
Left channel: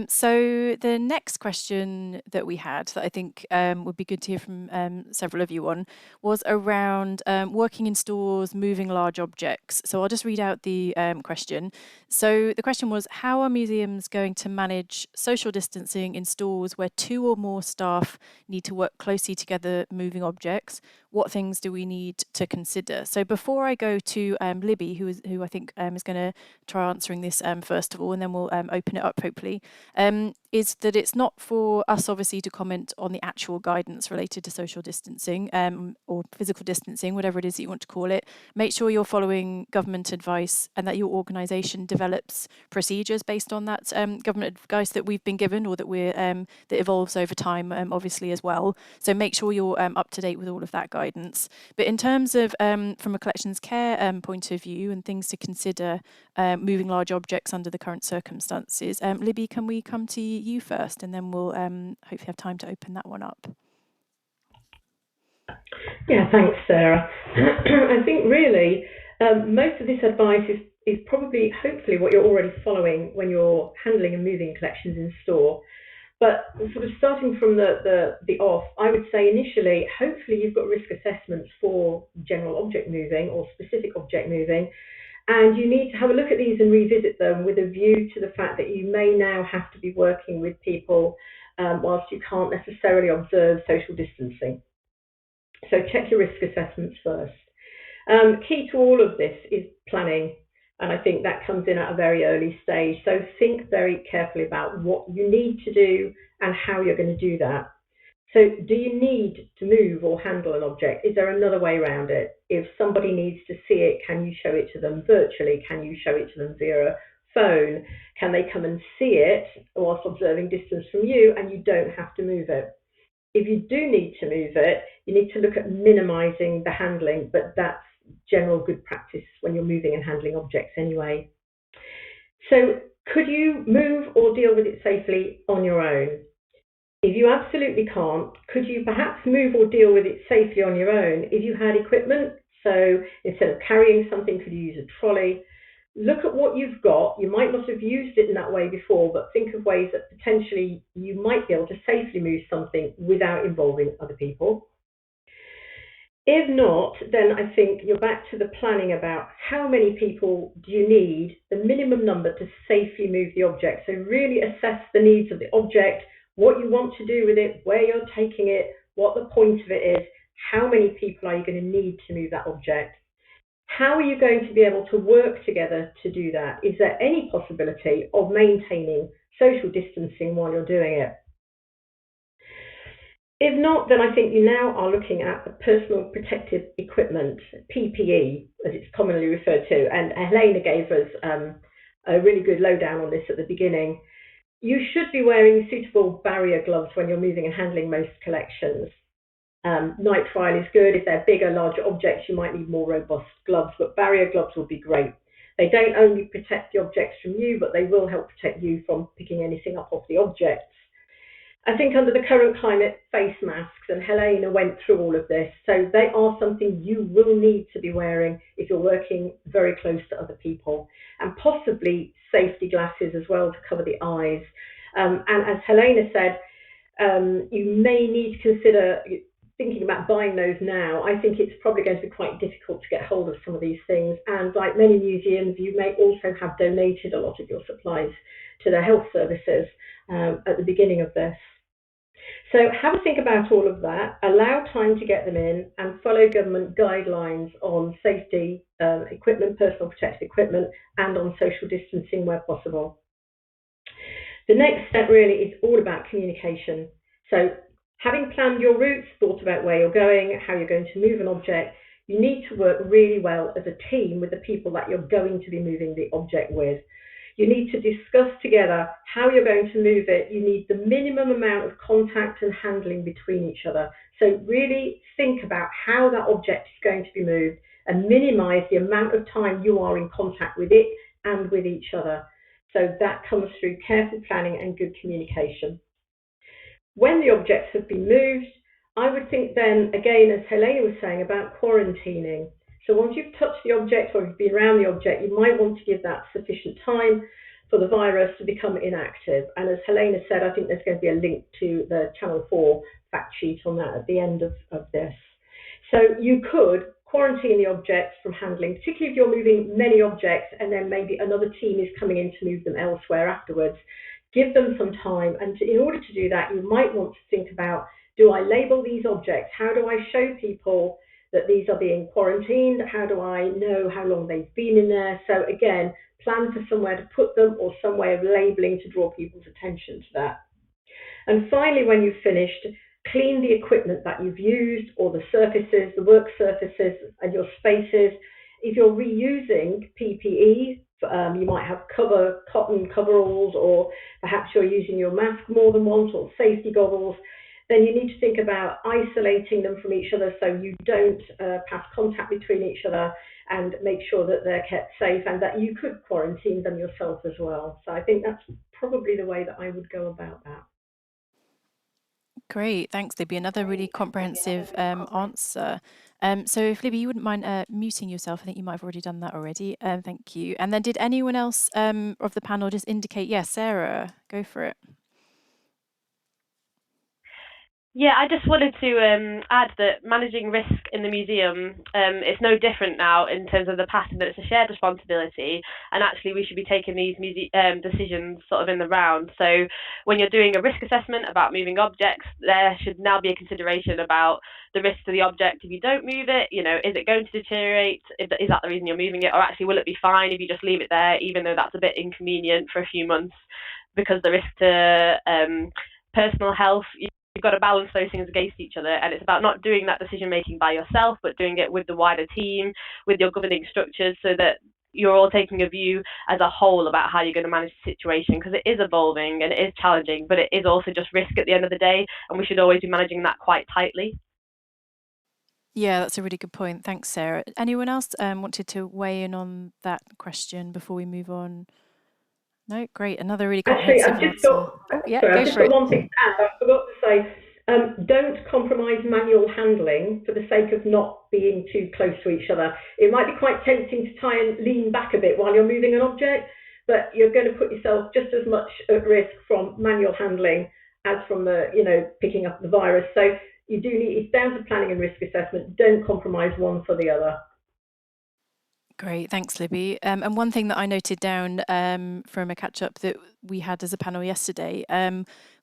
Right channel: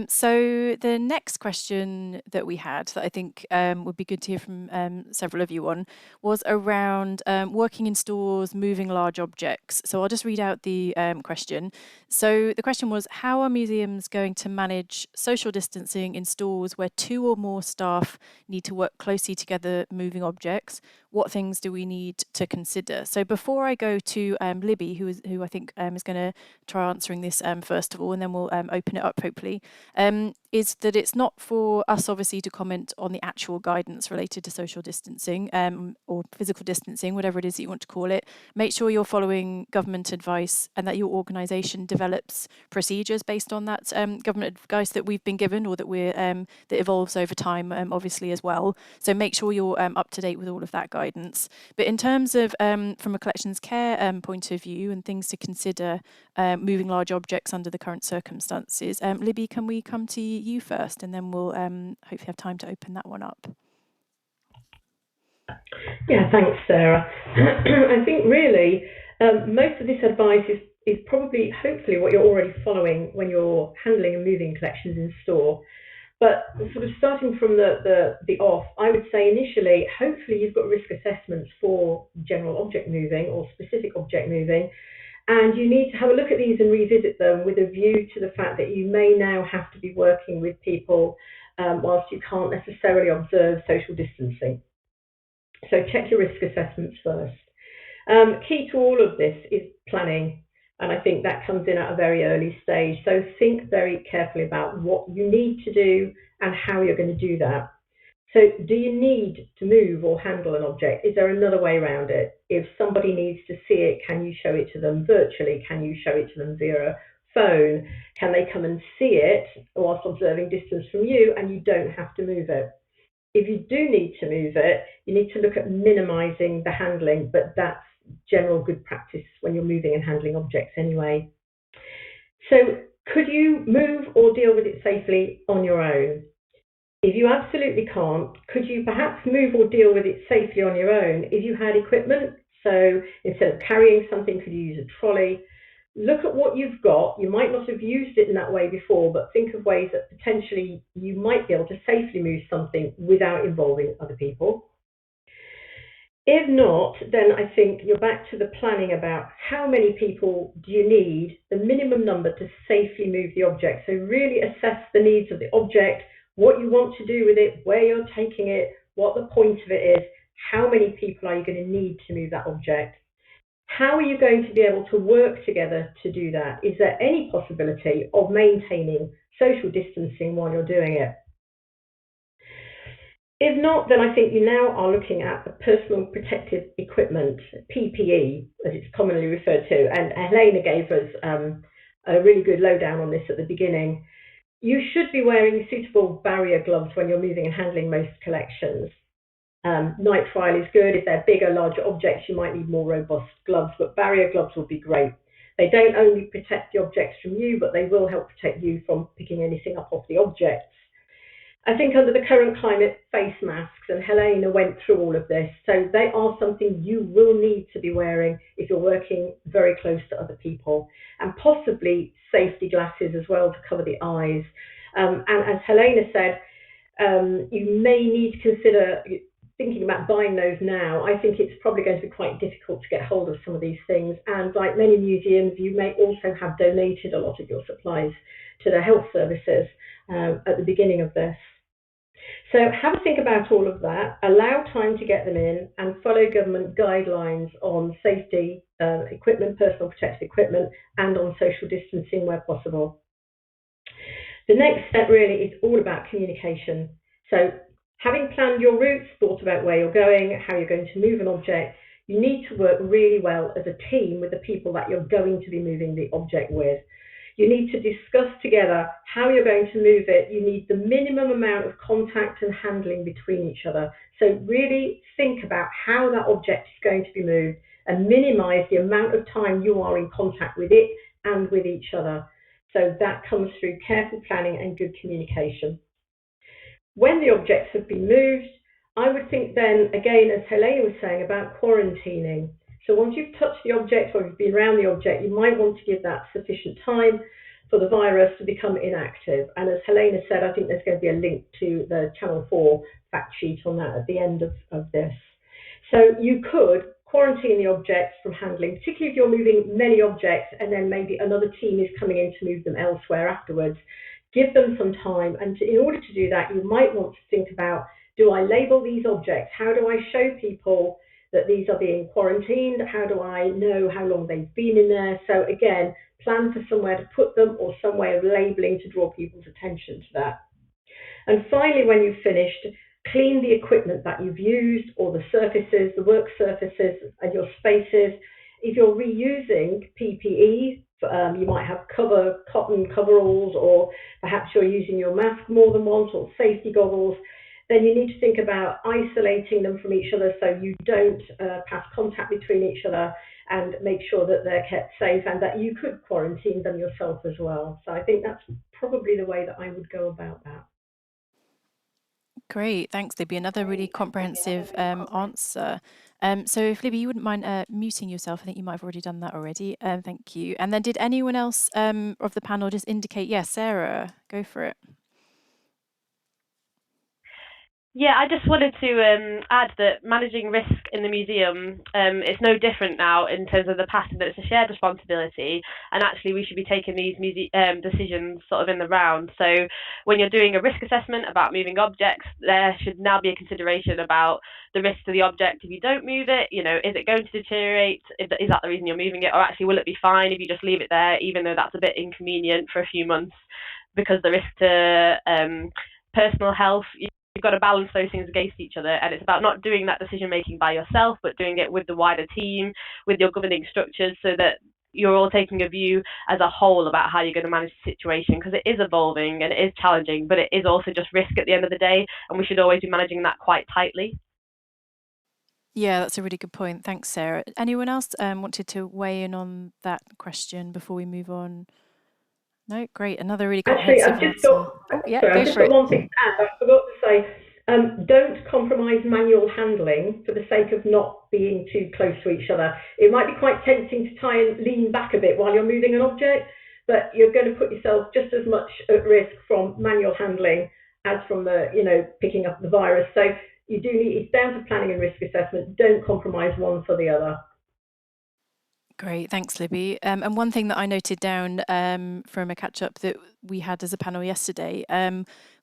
So the next question that we had that I think would be good to hear from several of you on was around working in stores, moving large objects. So I'll just read out the question. So the question was, how are museums going to manage social distancing in stores where 2 or more staff need to work closely together moving objects? What things do we need to consider? So before I go to Libby, who I think is going to try answering this first of all, and then we'll open it up hopefully, is that it's not for us obviously to comment on the actual guidance related to social distancing or physical distancing, whatever it is that you want to call it. Make sure you're following government advice and that your organisation develops procedures based on that government advice that we've been given, or that that evolves over time, obviously as well. So make sure you're up to date with all of that guidance. But in terms of from a collections care point of view and things to consider moving large objects under the current circumstances, Libby, can we come to you first, and then we'll hopefully have time to open that one up. Yeah, thanks, Sarah. I think really most of this advice is probably, hopefully, what you're already following when you're handling and moving collections in store. But sort of starting from the off, I would say initially, hopefully you've got risk assessments for general object moving or specific object moving, and you need to have a look at these and revisit them with a view to the fact that you may now have to be working with people whilst you can't necessarily observe social distancing. So check your risk assessments first. Key to all of this is planning, and I think that comes in at a very early stage. So think very carefully about what you need to do and how you're going to do that. So do you need to move or handle an object? Is there another way around it? If somebody needs to see it, can you show it to them virtually? Can you show it to them via a phone? Can they come and see it whilst observing distance from you and you don't have to move it? If you do need to move it, you need to look at minimising the handling, but that's general good practice when you're moving and handling objects anyway. So could you move or deal with it safely on your own? If you absolutely can't, could you perhaps move or deal with it safely on your own if you had equipment? So instead of carrying something, could you use a trolley? Look at what you've got. You might not have used it in that way before, but think of ways that potentially you might be able to safely move something without involving other people. If not, then I think you're back to the planning about how many people do you need, the minimum number to safely move the object. So really assess the needs of the object, what you want to do with it, where you're taking it, what the point of it is, how many people are you going to need to move that object. How are you going to be able to work together to do that? Is there any possibility of maintaining social distancing while you're doing it? If not, then I think you now are looking at the personal protective equipment, PPE, as it's commonly referred to. And Helena gave us a really good lowdown on this at the beginning. You should be wearing suitable barrier gloves when you're moving and handling most collections. Nitrile is good. If they're bigger, larger objects, you might need more robust gloves, but barrier gloves will be great. They don't only protect the objects from you, but they will help protect you from picking anything up off the objects. I think under the current climate, face masks, and Helena went through all of this, so they are something you will need to be wearing if you're working very close to other people, and possibly safety glasses as well to cover the eyes. And as Helena said, you may need to consider thinking about buying those now. I think it's probably going to be quite difficult to get hold of some of these things, and like many museums, you may also have donated a lot of your supplies to the health services at the beginning of this. So have a think about all of that, allow time to get them in, and follow government guidelines on safety equipment, personal protective equipment, and on social distancing where possible. The next step really is all about communication. So having planned your routes, thought about where you're going, how you're going to move an object, you need to work really well as a team with the people that you're going to be moving the object with. You need to discuss together how you're going to move it. You need the minimum amount of contact and handling between each other. So really think about how that object is going to be moved and minimize the amount of time you are in contact with it and with each other. So that comes through careful planning and good communication. When the objects have been moved, I would think then, again, as Helena was saying, about quarantining. So once you've touched the object or you've been around the object, you might want to give that sufficient time for the virus to become inactive. And as Helena said, I think there's going to be a link to the Channel 4 fact sheet on that at the end of this. So you could quarantine the objects from handling, particularly if you're moving many objects and then maybe another team is coming in to move them elsewhere afterwards. Give them some time, and in order to do that, you might want to think about, do I label these objects? How do I show people that these are being quarantined? How do I know how long they've been in there? So again, plan for somewhere to put them or some way of labeling to draw people's attention to that. And finally, when you've finished, clean the equipment that you've used, or the surfaces, the work surfaces and your spaces. If you're reusing PPE, you might have cotton coveralls, or perhaps you're using your mask more than once, or safety goggles. Then you need to think about isolating them from each other so you don't pass contact between each other, and make sure that they're kept safe and that you could quarantine them yourself as well. So I think that's probably the way that I would go about that. Great, thanks, Libby. Another really comprehensive answer. So if Libby, you wouldn't mind muting yourself, I think you might have already done that already. Thank you. And then did anyone else of the panel just indicate, yes, Sarah, go for it. Yeah, I just wanted to add that managing risk in the museum, it's no different now in terms of the past, that it's a shared responsibility, and actually we should be taking these decisions sort of in the round. So when you're doing a risk assessment about moving objects, there should now be a consideration about the risk to the object if you don't move it. You know, is it going to deteriorate? Is that the reason you're moving it? Or actually, will it be fine if you just leave it there, even though that's a bit inconvenient for a few months, because the risk to personal health, you've got to balance those things against each other, and it's about not doing that decision making by yourself, but doing it with the wider team, with your governing structures, so that you're all taking a view as a whole about how you're going to manage the situation, because it is evolving and it is challenging, but it is also just risk at the end of the day, and we should always be managing that quite tightly. Yeah, that's a really good point. Thanks, Sarah. Anyone else wanted to weigh in on that question before we move on? No, great. Another really comprehensive answer. I've just got one thing to add. I forgot to say, don't compromise manual handling for the sake of not being too close to each other. It might be quite tempting to try and lean back a bit while you're moving an object, but you're going to put yourself just as much at risk from manual handling as from the, picking up the virus. So you do need, it's down to planning and risk assessment. Don't compromise one for the other. Great, thanks, Libby. And one thing that I noted down from a catch-up that we had as a panel yesterday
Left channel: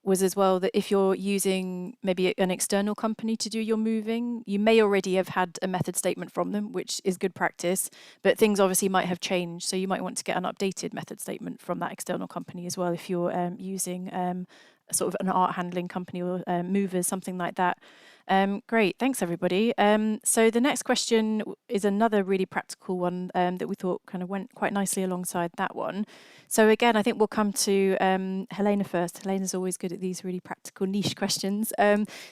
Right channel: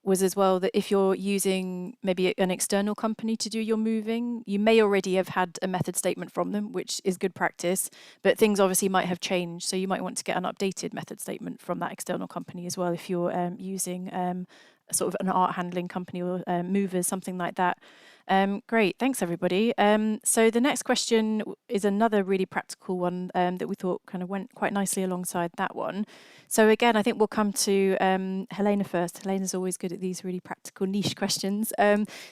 was as well that if you're using maybe an external company to do your moving, you may already have had a method statement from them, which is good practice, but things obviously might have changed. So you might want to get an updated method statement from that external company as well if you're using sort of an art handling company or movers, something like that. Great, thanks everybody. So the next question is another really practical one that we thought kind of went quite nicely alongside that one. So again, I think we'll come to Helena first. Helena's always good at these really practical niche questions.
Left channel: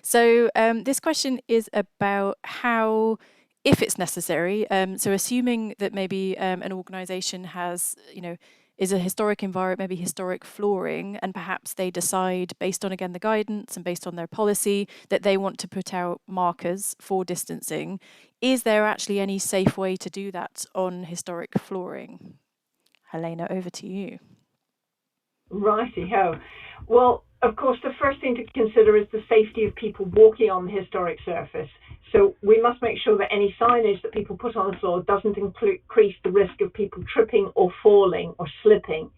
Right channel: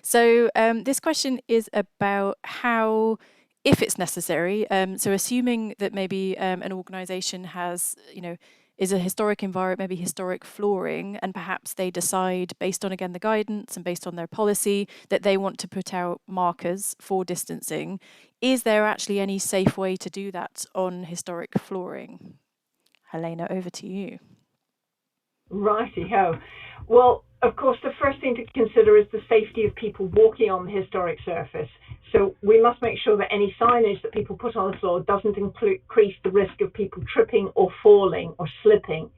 So this question is about how if it's necessary. So assuming that maybe an organisation has, is a historic environment, maybe historic flooring, and perhaps they decide, based on, again, the guidance and based on their policy, that they want to put out markers for distancing. Is there actually any safe way to do that on historic flooring? Helena, over to you. Righty-ho. Well, of course, the first thing to consider is the safety of people walking on the historic surface. So we must make sure that any signage that people put on the floor doesn't increase the risk of people tripping or falling or slipping.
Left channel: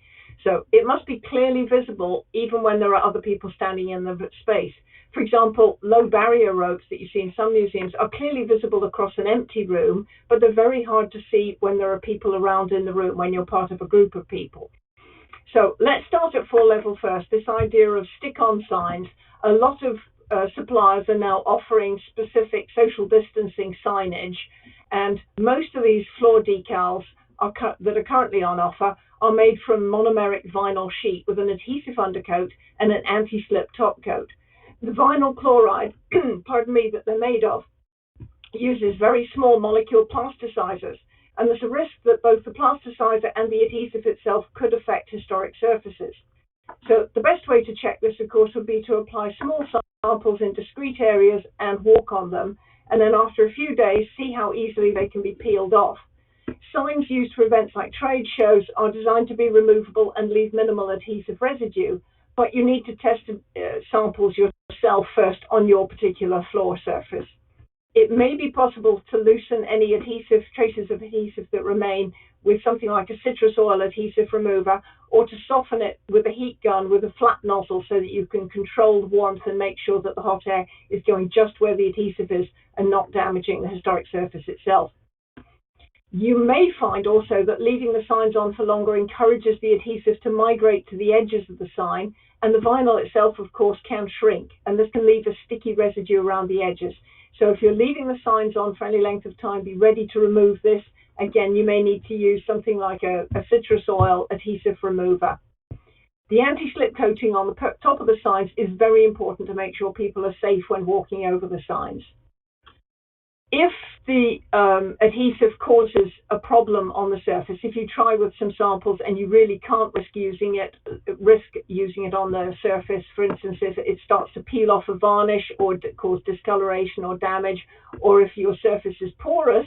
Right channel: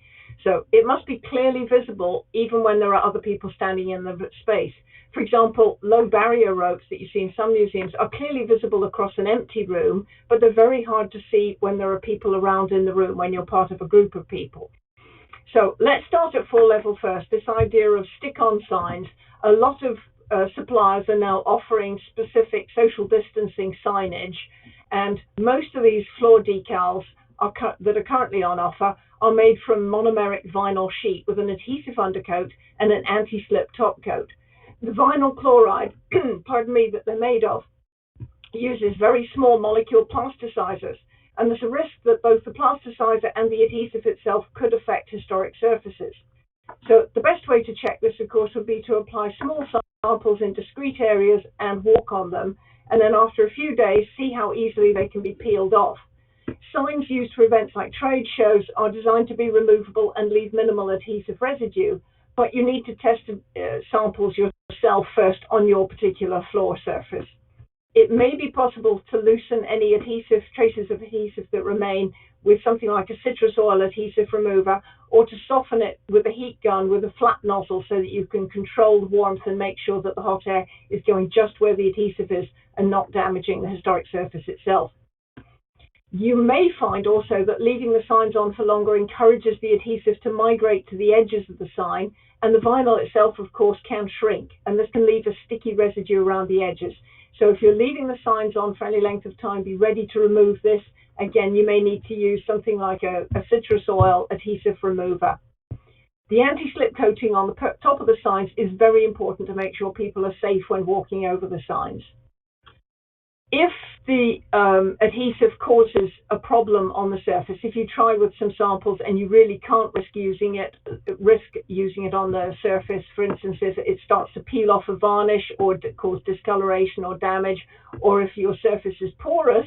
So it must be clearly visible even when there are other people standing in the space. For example, low barrier ropes that you see in some museums are clearly visible across an empty room, but they're very hard to see when there are people around in the room, when you're part of a group of people. So let's start at floor level first. This idea of stick-on signs. A lot of suppliers are now offering specific social distancing signage, and most of these floor decals that are currently on offer are made from monomeric vinyl sheet with an adhesive undercoat and an anti-slip top coat. The vinyl chloride, pardon me, that they're made of uses very small molecule plasticizers, and there's a risk that both the plasticizer and the adhesive itself could affect historic surfaces. So the best way to check this, of course, would be to apply small samples in discrete areas and walk on them, and then after a few days, see how easily they can be peeled off. Signs used for events like trade shows are designed to be removable and leave minimal adhesive residue, but you need to test samples yourself first on your particular floor surface. It may be possible to loosen any adhesive, traces of adhesive that remain with something like a citrus oil adhesive remover, or to soften it with a heat gun with a flat nozzle so that you can control the warmth and make sure that the hot air is going just where the adhesive is and not damaging the historic surface itself. You may find also that leaving the signs on for longer encourages the adhesive to migrate to the edges of the sign, and the vinyl itself, of course, can shrink, and this can leave a sticky residue around the edges. So if you're leaving the signs on for any length of time, be ready to remove this. Again, you may need to use something like a citrus oil adhesive remover. The anti-slip coating on the top of the signs is very important to make sure people are safe when walking over the signs. If the adhesive causes a problem on the surface, if you try with some samples and you really can't risk using it on the surface, for instance, if it starts to peel off a varnish or cause discoloration or damage, or if your surface is porous,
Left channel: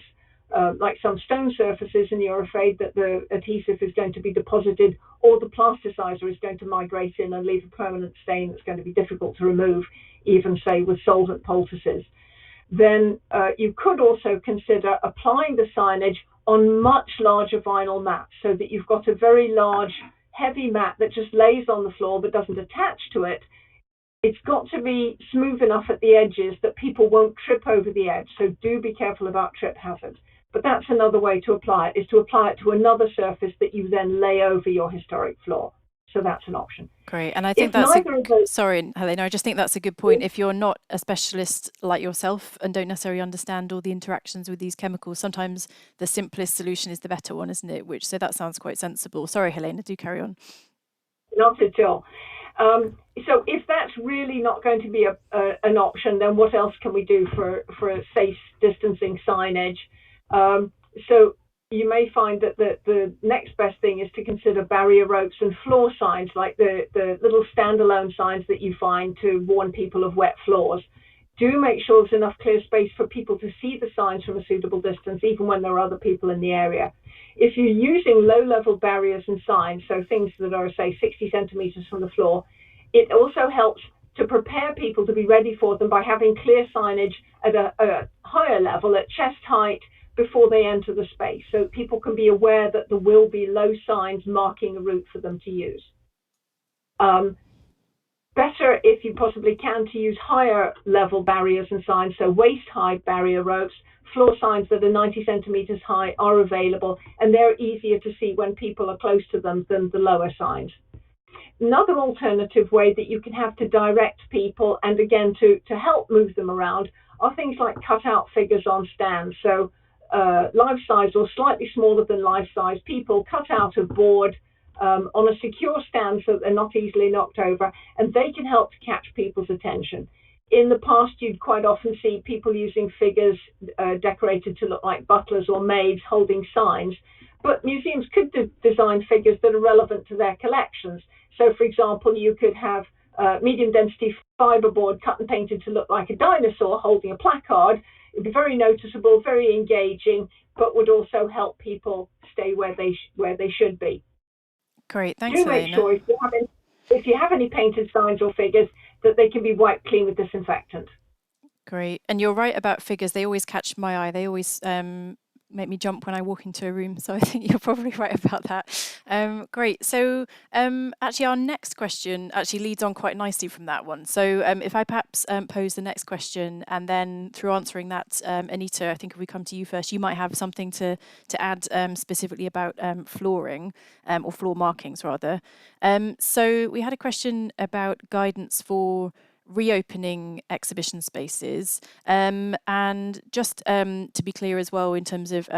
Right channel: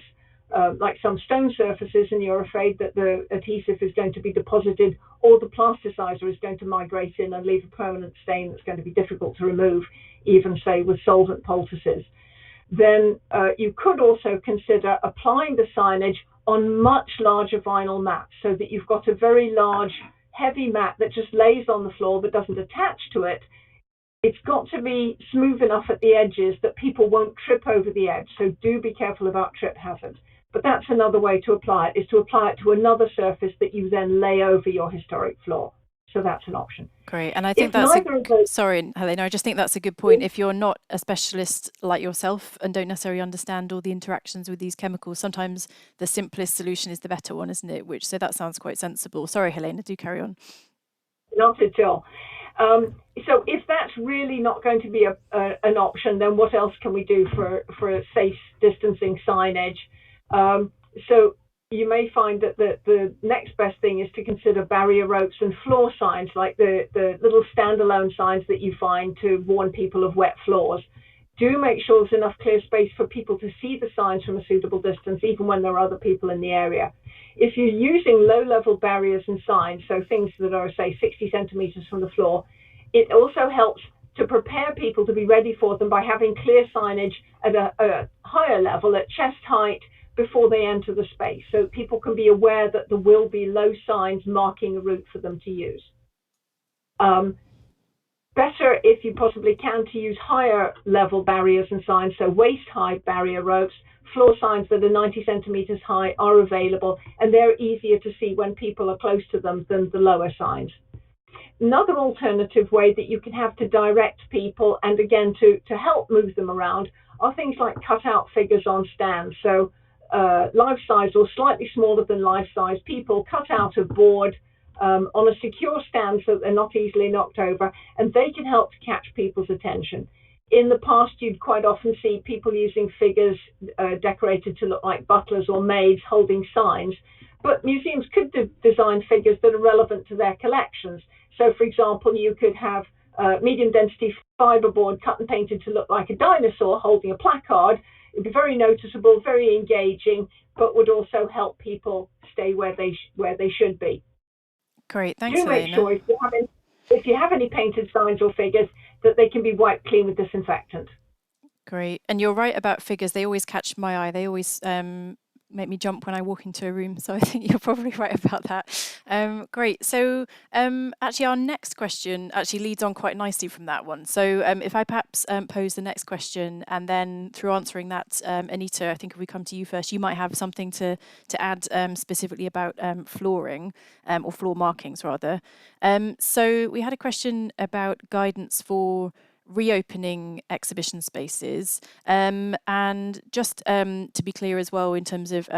like some stone surfaces, and you're afraid that the adhesive is going to be deposited or the plasticizer is going to migrate in and leave a permanent stain that's going to be difficult to remove, even say with solvent poultices, then you could also consider applying the signage on much larger vinyl mats so that you've got a very large, heavy mat that just lays on the floor but doesn't attach to it. It's got to be smooth enough at the edges that people won't trip over the edge, so do be careful about trip hazards. But that's another way to apply it, is to apply it to another surface that you then lay over your historic floor. So that's an option. Great. And I think sorry, Helena, I just think that's a good point. If you're not a specialist like yourself and don't necessarily understand all the interactions with these chemicals, sometimes the simplest solution is the better one, isn't it? So that sounds quite sensible. Sorry, Helena, do carry on. Not at all. So if that's really not going to be an option, then what else can we do for a safe distancing signage? So you may find that the next best thing is to consider barrier ropes and floor signs, like the little standalone signs that you find to warn people of wet floors. Do make sure there's enough clear space for people to see the signs from a suitable distance, even when there are other people in the area. If you're using low-level barriers and signs, so things that are, say, 60 centimeters from the floor, it also helps to prepare people to be ready for them by having clear signage at a higher level, at chest height, before they enter the space, so people can be aware that there will be low signs marking a route for them to use. Better, if you possibly can, to use higher level barriers and signs, so waist-high barrier ropes. Floor signs that are 90 centimeters high are available, and they're easier to see when people are close to them than the lower signs. Another alternative way that you can have to direct people, and again to help move them around, are things like cut-out figures on stands. So life-size or slightly smaller than life-size people cut out of board on a secure stand so that they're not easily knocked over, and they can help to catch people's attention. in the past, you'd quite often see people using figures decorated to look like butlers or maids holding signs, but museums could design figures that are relevant to their collections. So, for example, you could have medium density fiberboard cut and painted to look like a dinosaur holding a placard. It'd be very noticeable, very engaging, but would also help people stay where they should be. Great, thanks, Do make Helena. sure if you have any painted signs or figures that they can be wiped clean with disinfectant. Great. And you're right about figures. They always catch my eye. They always make me jump when I walk into a room. So I think you're probably right about that. Great. So actually, our next question actually leads on quite nicely from that one. So if I perhaps pose the next question, and then through answering that, Anita, I think if we come to you first, you might have something to add specifically about flooring or floor markings rather. So we had a question about guidance for reopening exhibition spaces, and just to be clear as well in terms of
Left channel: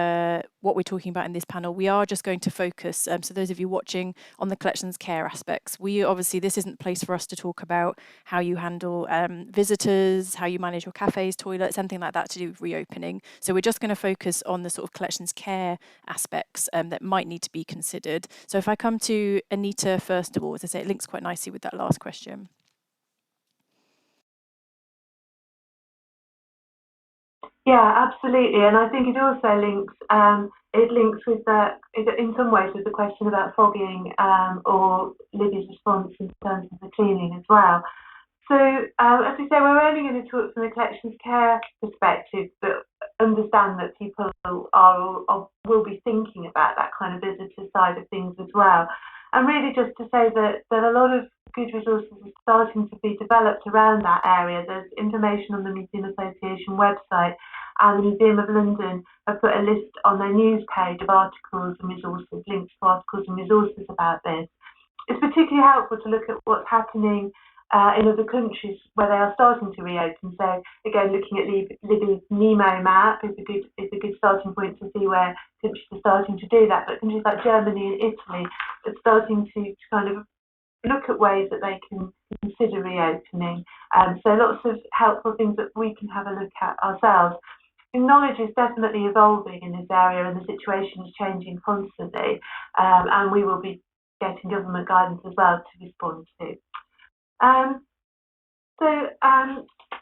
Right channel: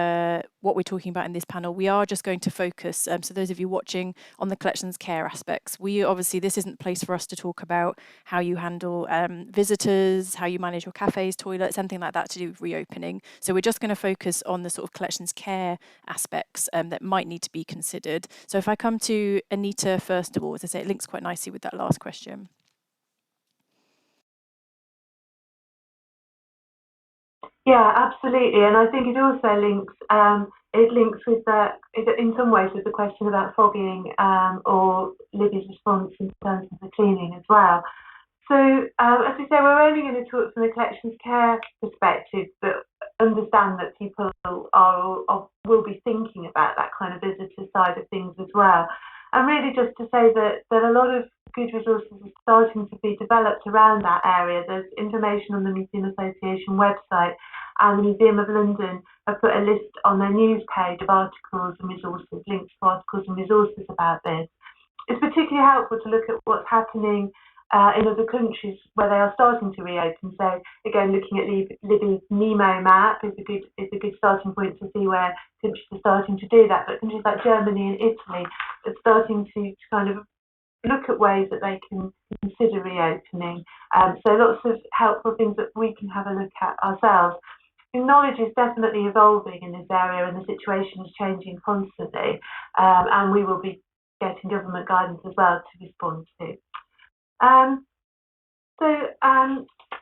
what we're talking about in this panel, we are just going to focus, so those of you watching, on the collections care aspects. We obviously, this isn't a place for us to talk about how you handle visitors, how you manage your cafes, toilets, anything like that to do with reopening. So we're just going to focus on the sort of collections care aspects that might need to be considered. So if I come to Anita first of all, as I say, it links quite nicely with that last question. Yeah, absolutely, and I think it also links. It links with that in some ways with the question about fogging or Libby's response in terms of the cleaning as well. So as we say, we're only going to talk from the collections care perspective, but understand that people will be thinking about that kind of visitor side of things as well. And really just to say that a lot of good resources are starting to be developed around that area. There's information on the Museum Association website, and the Museum of London have put a list on their news page of articles and resources, links to articles and resources about this. It's particularly helpful to look at what's happening in other countries where they are starting to reopen. So again, looking at Libby's Nemo map is a good starting point to see where countries are starting to do that. But countries like Germany and Italy are starting to kind of look at ways that they can consider reopening. So lots of helpful things that we can have a look at ourselves. And knowledge is definitely evolving in this area, and the situation is changing constantly. And we will be getting government guidance as well to respond to.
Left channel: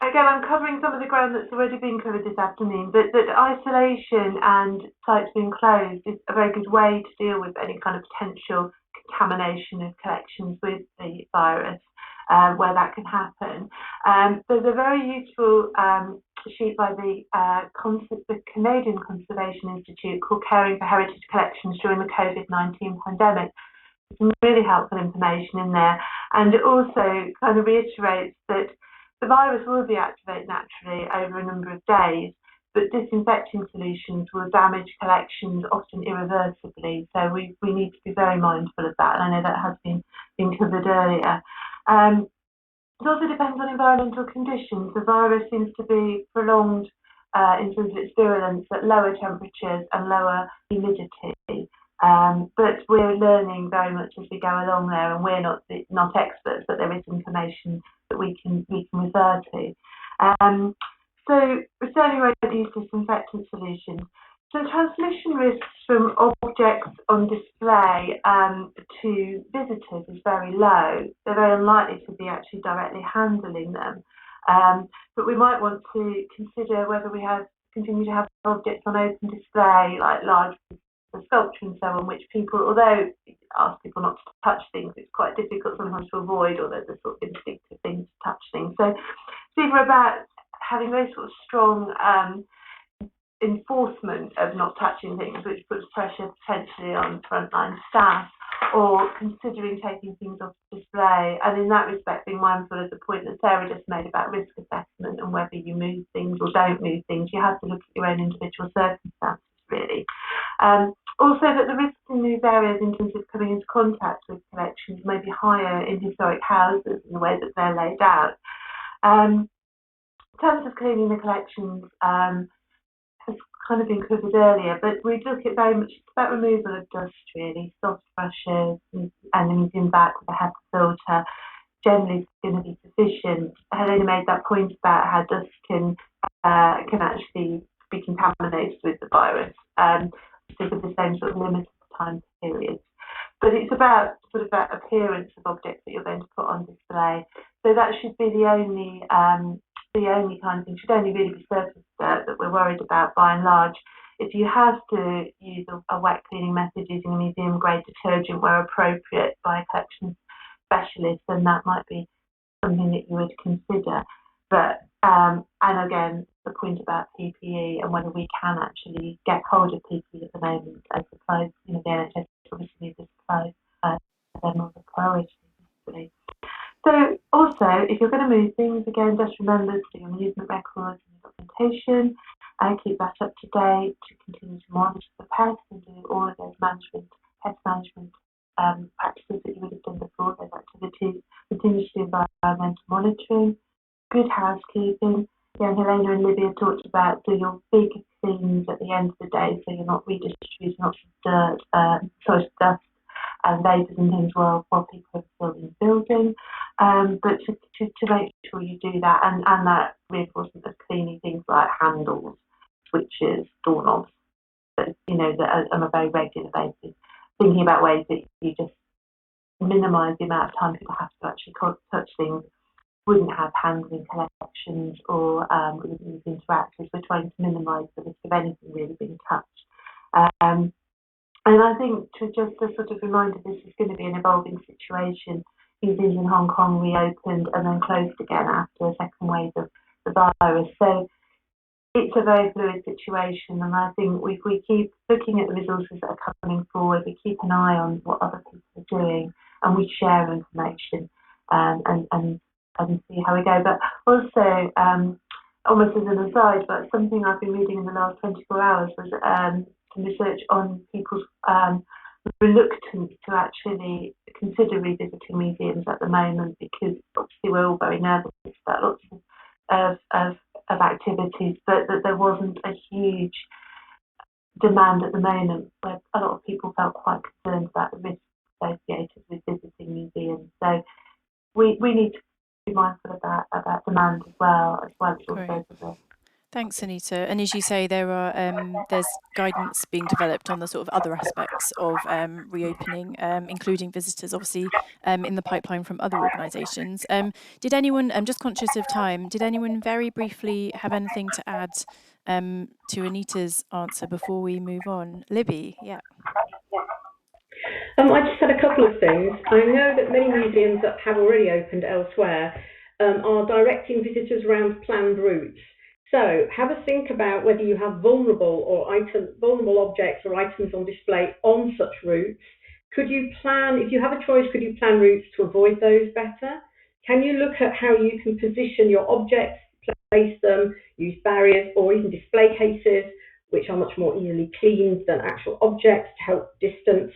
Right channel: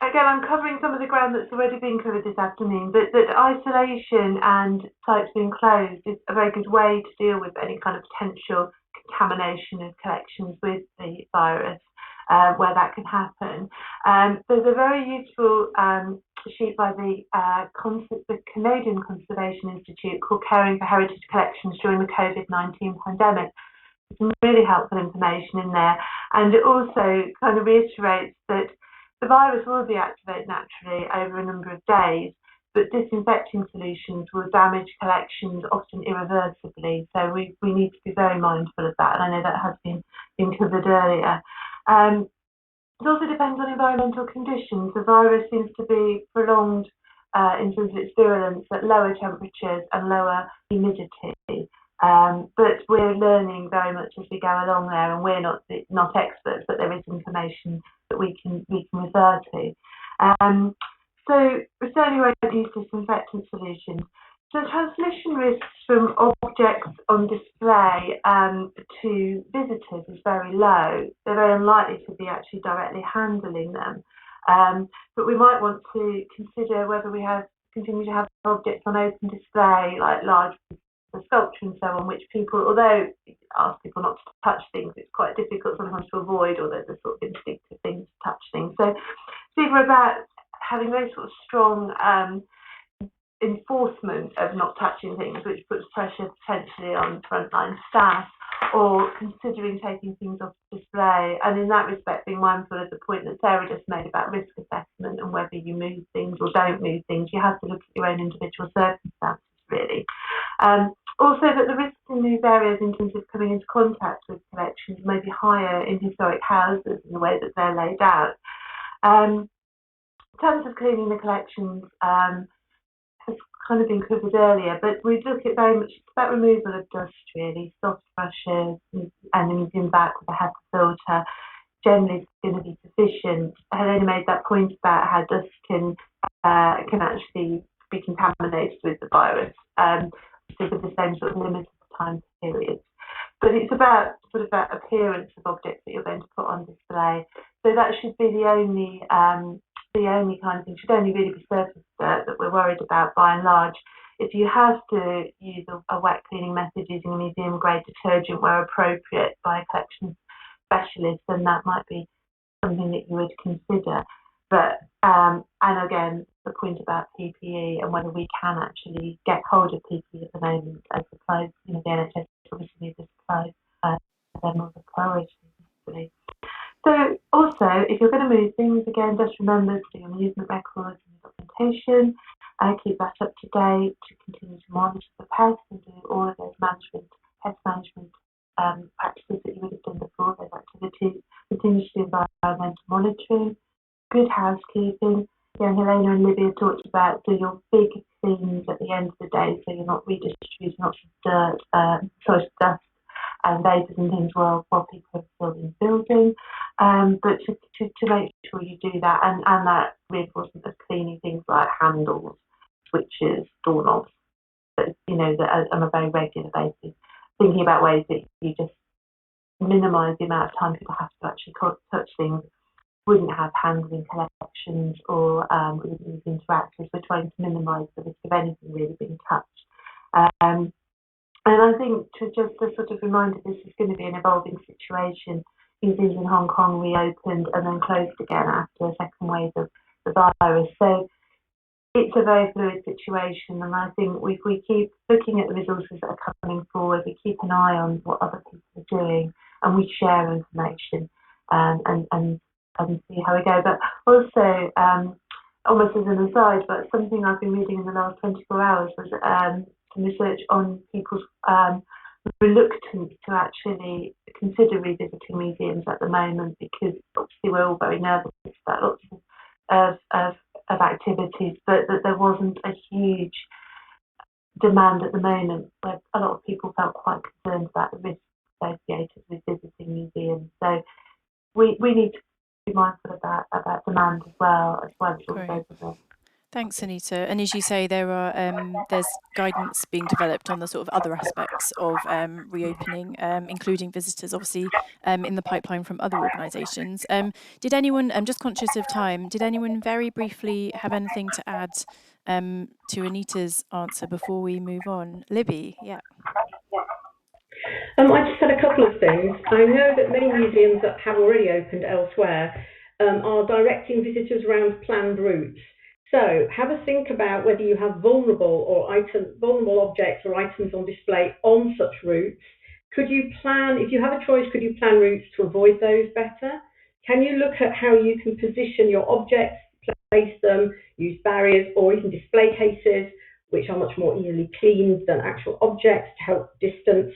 Again, I'm covering some of the ground that's already been covered this afternoon, but that isolation and sites being closed is a very good way to deal with any kind of potential contamination of collections with the virus, where that can happen. There's a very useful sheet by the Canadian Conservation Institute called Caring for Heritage Collections During the COVID-19 Pandemic. Some really helpful information in there, and it also kind of reiterates that the virus will deactivate naturally over a number of days, but disinfecting solutions will damage collections often irreversibly. So we need to be very mindful of that, and I know that has been covered earlier. It also depends on environmental conditions. The virus seems to be prolonged in terms of its virulence at lower temperatures and lower humidity. But we're learning very much as we go along there, and we're not experts, but there is information that we can refer to. So returning to use disinfectant solutions. So transmission risks from objects on display to visitors is very low. They're very unlikely to be actually directly handling them. But we might want to consider whether we continue to have objects on open display, like large sculpture and so on, which people, although ask people not to touch things, it's quite difficult sometimes to avoid, or there's a sort of instinctive thing to touch things. So it's either about having very sort of strong enforcement of not touching things, which puts pressure potentially on frontline staff, or considering taking things off display. And in that respect, being mindful of the point that Sarah just made about risk assessment and whether you move things or don't move things, you have to look at your own individual circumstances, really. Also, that the risks in these areas in terms of coming into contact with collections may be higher in historic houses in the way that they're laid out. In terms of cleaning the collections, has kind of been covered earlier, but we look at very much about removal of dust, really, soft brushes, and the museum back with a HEPA filter. generally going to be sufficient. Helena made that point about how dust can actually be contaminated with the virus, so for the same sort of limited time periods. But it's about sort of that appearance of objects that you're going to put on display. So that should be the only kind of thing, should only really be surface dirt that we're worried about by and large. If you have to use a wet cleaning method using a museum grade detergent where appropriate by a collection specialist, then that might be something that you would consider. But and again, the point about PPE and whether we can actually get hold of PPE at the moment as supplies, the NHS obviously needs the supplies, they're not the priority. So also, if you're going to move things, again, just remember to do your movement records and your documentation, keep that up to date, to continue to monitor the pests and do all of those pest management practices that you would have done before, those activities, continue to do environmental monitoring, good housekeeping. Again, Helena and Libby have talked about do your big cleans at the end of the day so you're not redistributing lots of dirt, dust and vapours and things while people are still in the building. But to make sure you do that and that reinforcement of cleaning things like handles, switches, doorknobs, that on a very regular basis. Thinking about ways that you just minimise the amount of time people have to actually touch things, wouldn't have handling collections or wouldn't interact with. We're trying to minimise the risk of anything really being touched. And I think just a sort of reminder, this is going to be an evolving situation. Museums in Hong Kong reopened and then closed again after a second wave of the virus. So it's a very fluid situation, and I think if we keep looking at the resources that are coming forward, we keep an eye on what other people are doing, and we share information and see how we go. But also, almost as an aside, but something I've been reading in the last 24 hours was some research on people's reluctance to actually consider revisiting museums at the moment, because obviously we're all very nervous about lots of activities, but that there wasn't a huge demand at the moment, where a lot of people felt quite concerned about the risks associated with visiting museums. So we need to be mindful about demand as well as also the. Thanks, Anita. And as you say, there's guidance being developed on the sort of other aspects of reopening, including visitors, obviously, in the pipeline from other organisations. Did anyone, I'm just conscious of time, did anyone very briefly have anything to add to Anita's answer before we move on? Libby, yeah. I just had a couple of things. I know that many museums that have already opened elsewhere are directing visitors around planned routes. So have a think about whether you have vulnerable objects or items on display on such routes. Could you plan, if you have a choice, could you plan routes to avoid those better? Can you look at how you can position your objects, place them, use barriers or even display cases, which are much more easily cleaned than actual objects, to help distance?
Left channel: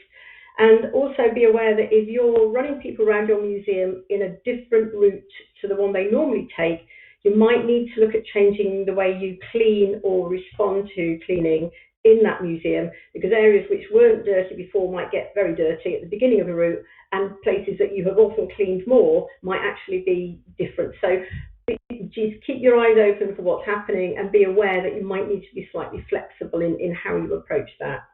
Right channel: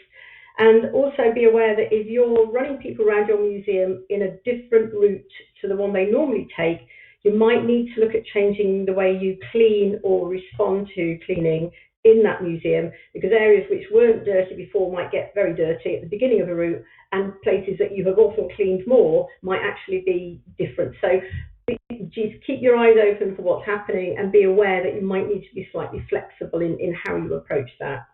And also be aware that if you're running people around your museum in a different route to the one they normally take, you might need to look at changing the way you clean or respond to cleaning in that museum, because areas which weren't dirty before might get very dirty at the beginning of a route, and places that you have often cleaned more might actually be different. So just keep your eyes open for what's happening and be aware that you might need to be slightly flexible in how you approach that.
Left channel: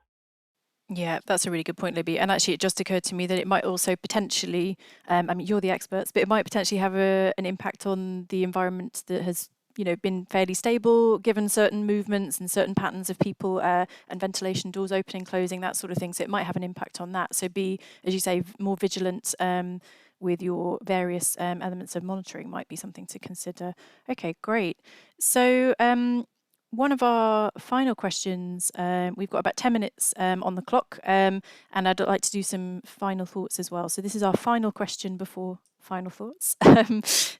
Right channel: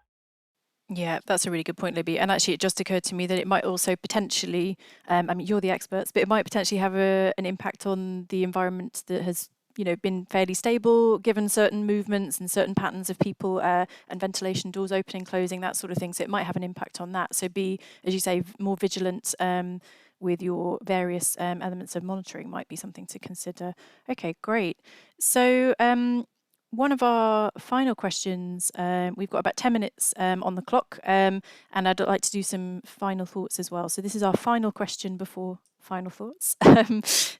Yeah, that's a really good point, Libby. And actually, it just occurred to me that it might also potentially, I mean, you're the experts, but it might potentially have an impact on the environment that has, been fairly stable, given certain movements and certain patterns of people and ventilation, doors opening, closing, that sort of thing. So it might have an impact on that. So be, as you say, more vigilant with your various elements of monitoring might be something to consider. Okay, great. So one of our final questions, we've got about 10 minutes on the clock, and I'd like to do some final thoughts as well. So this is our final question before final thoughts.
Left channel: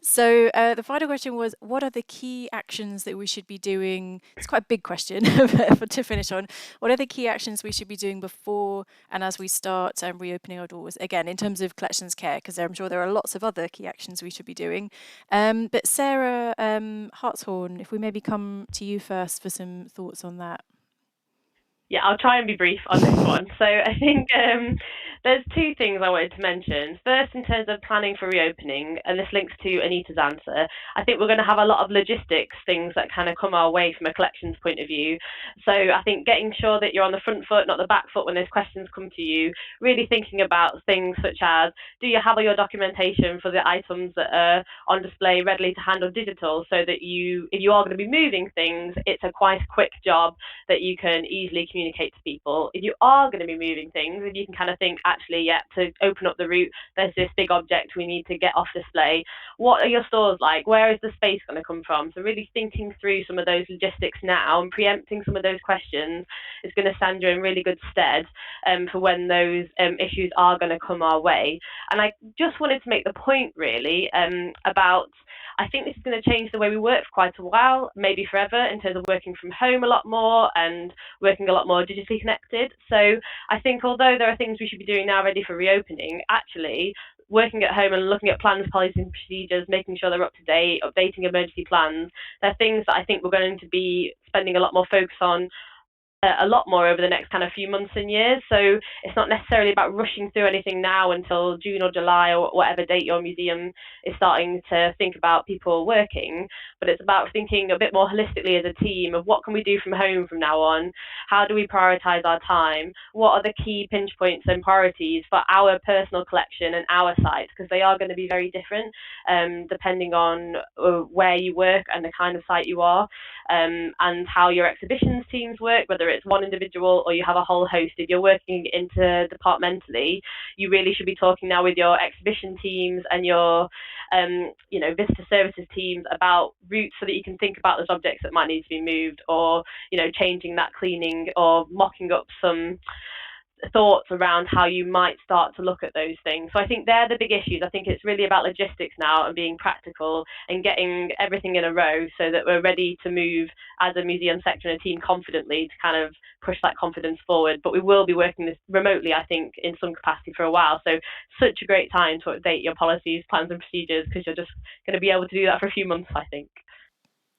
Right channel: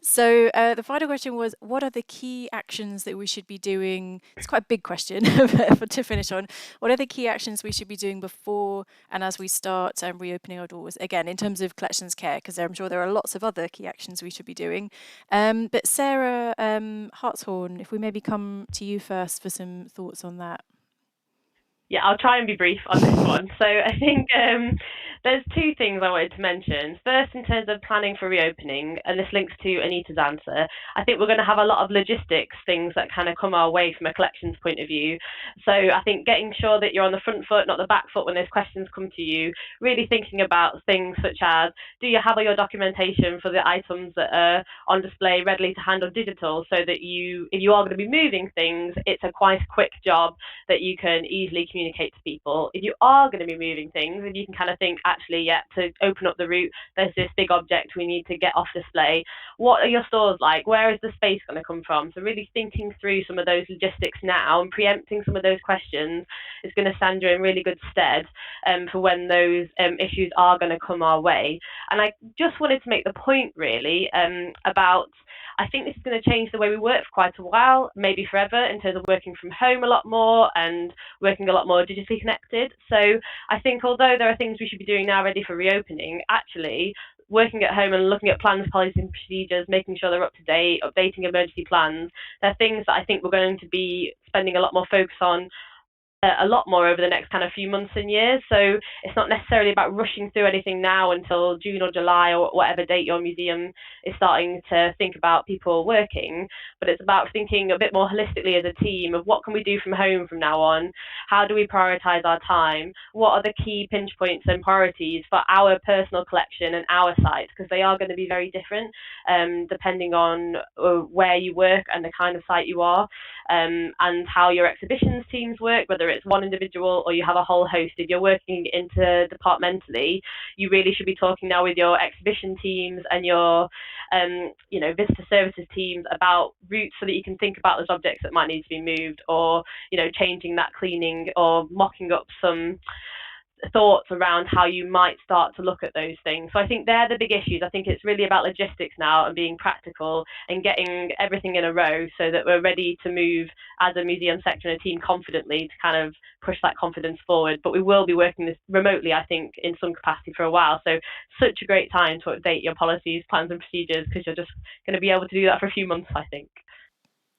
So the final question was, what are the key actions that we should be doing? It's quite a big question to finish on. What are the key actions we should be doing before and as we start reopening our doors? Again, in terms of collections care, because I'm sure there are lots of other key actions we should be doing. But Sarah Hartshorne, if we maybe come to you first for some thoughts on that. Yeah, I'll try and be brief on this one. So I think there's two things I wanted to mention. First, in terms of planning for reopening, and this links to Anita's answer, I think we're going to have a lot of logistics things that kind of come our way from a collections point of view. So I think getting sure that you're on the front foot, not the back foot when those questions come to you, really thinking about things such as, do you have all your documentation for the items that are on display readily to hand on digital, so that if you are going to be moving things, it's a quite quick job that you can easily communicate to people. If you are going to be moving things, if you can kind of think, actually, yeah, to open up the route, there's this big object we need to get off display. What are your stores like? Where is the space going to come from? So really thinking through some of those logistics now and preempting some of those questions is going to stand you in really good stead for when those issues are going to come our way. And I just wanted to make the point really about, I think this is going to change the way we work for quite a while, maybe forever, in terms of working from home a lot more and working a lot more digitally connected. So I think although there are things we should be doing now ready for reopening, actually working at home and looking at plans, policies and procedures, making sure they're up to date, updating emergency plans, they're things that I think we're going to be spending a lot more focus on a lot more over the next kind of few months and years. So it's not necessarily about rushing through anything now until June or July or whatever date your museum is starting to think about people working, but it's about thinking a bit more holistically as a team of what can we do from home from now on, how do we prioritise our time, what are the key pinch points and priorities for our personal collection and our sites, because they are going to be very different depending on where you work and the kind of site you are, and how your exhibitions teams work, whether it's one individual or you have a whole host. If you're working interdepartmentally, you really should be talking now with your exhibition teams and your visitor services teams about routes, so that you can think about those objects that might need to be moved, or changing that cleaning or mocking up some thoughts around how you might start to look at those things. So I think they're the big issues. I think it's really about logistics now and being practical and getting everything in a row so that we're ready to move as a museum sector and a team confidently to kind of push that confidence forward. But we will be working this remotely, I think, in some capacity for a while. So such a great time to update your policies, plans and procedures, because you're just going to be able to do that for a few months, I think.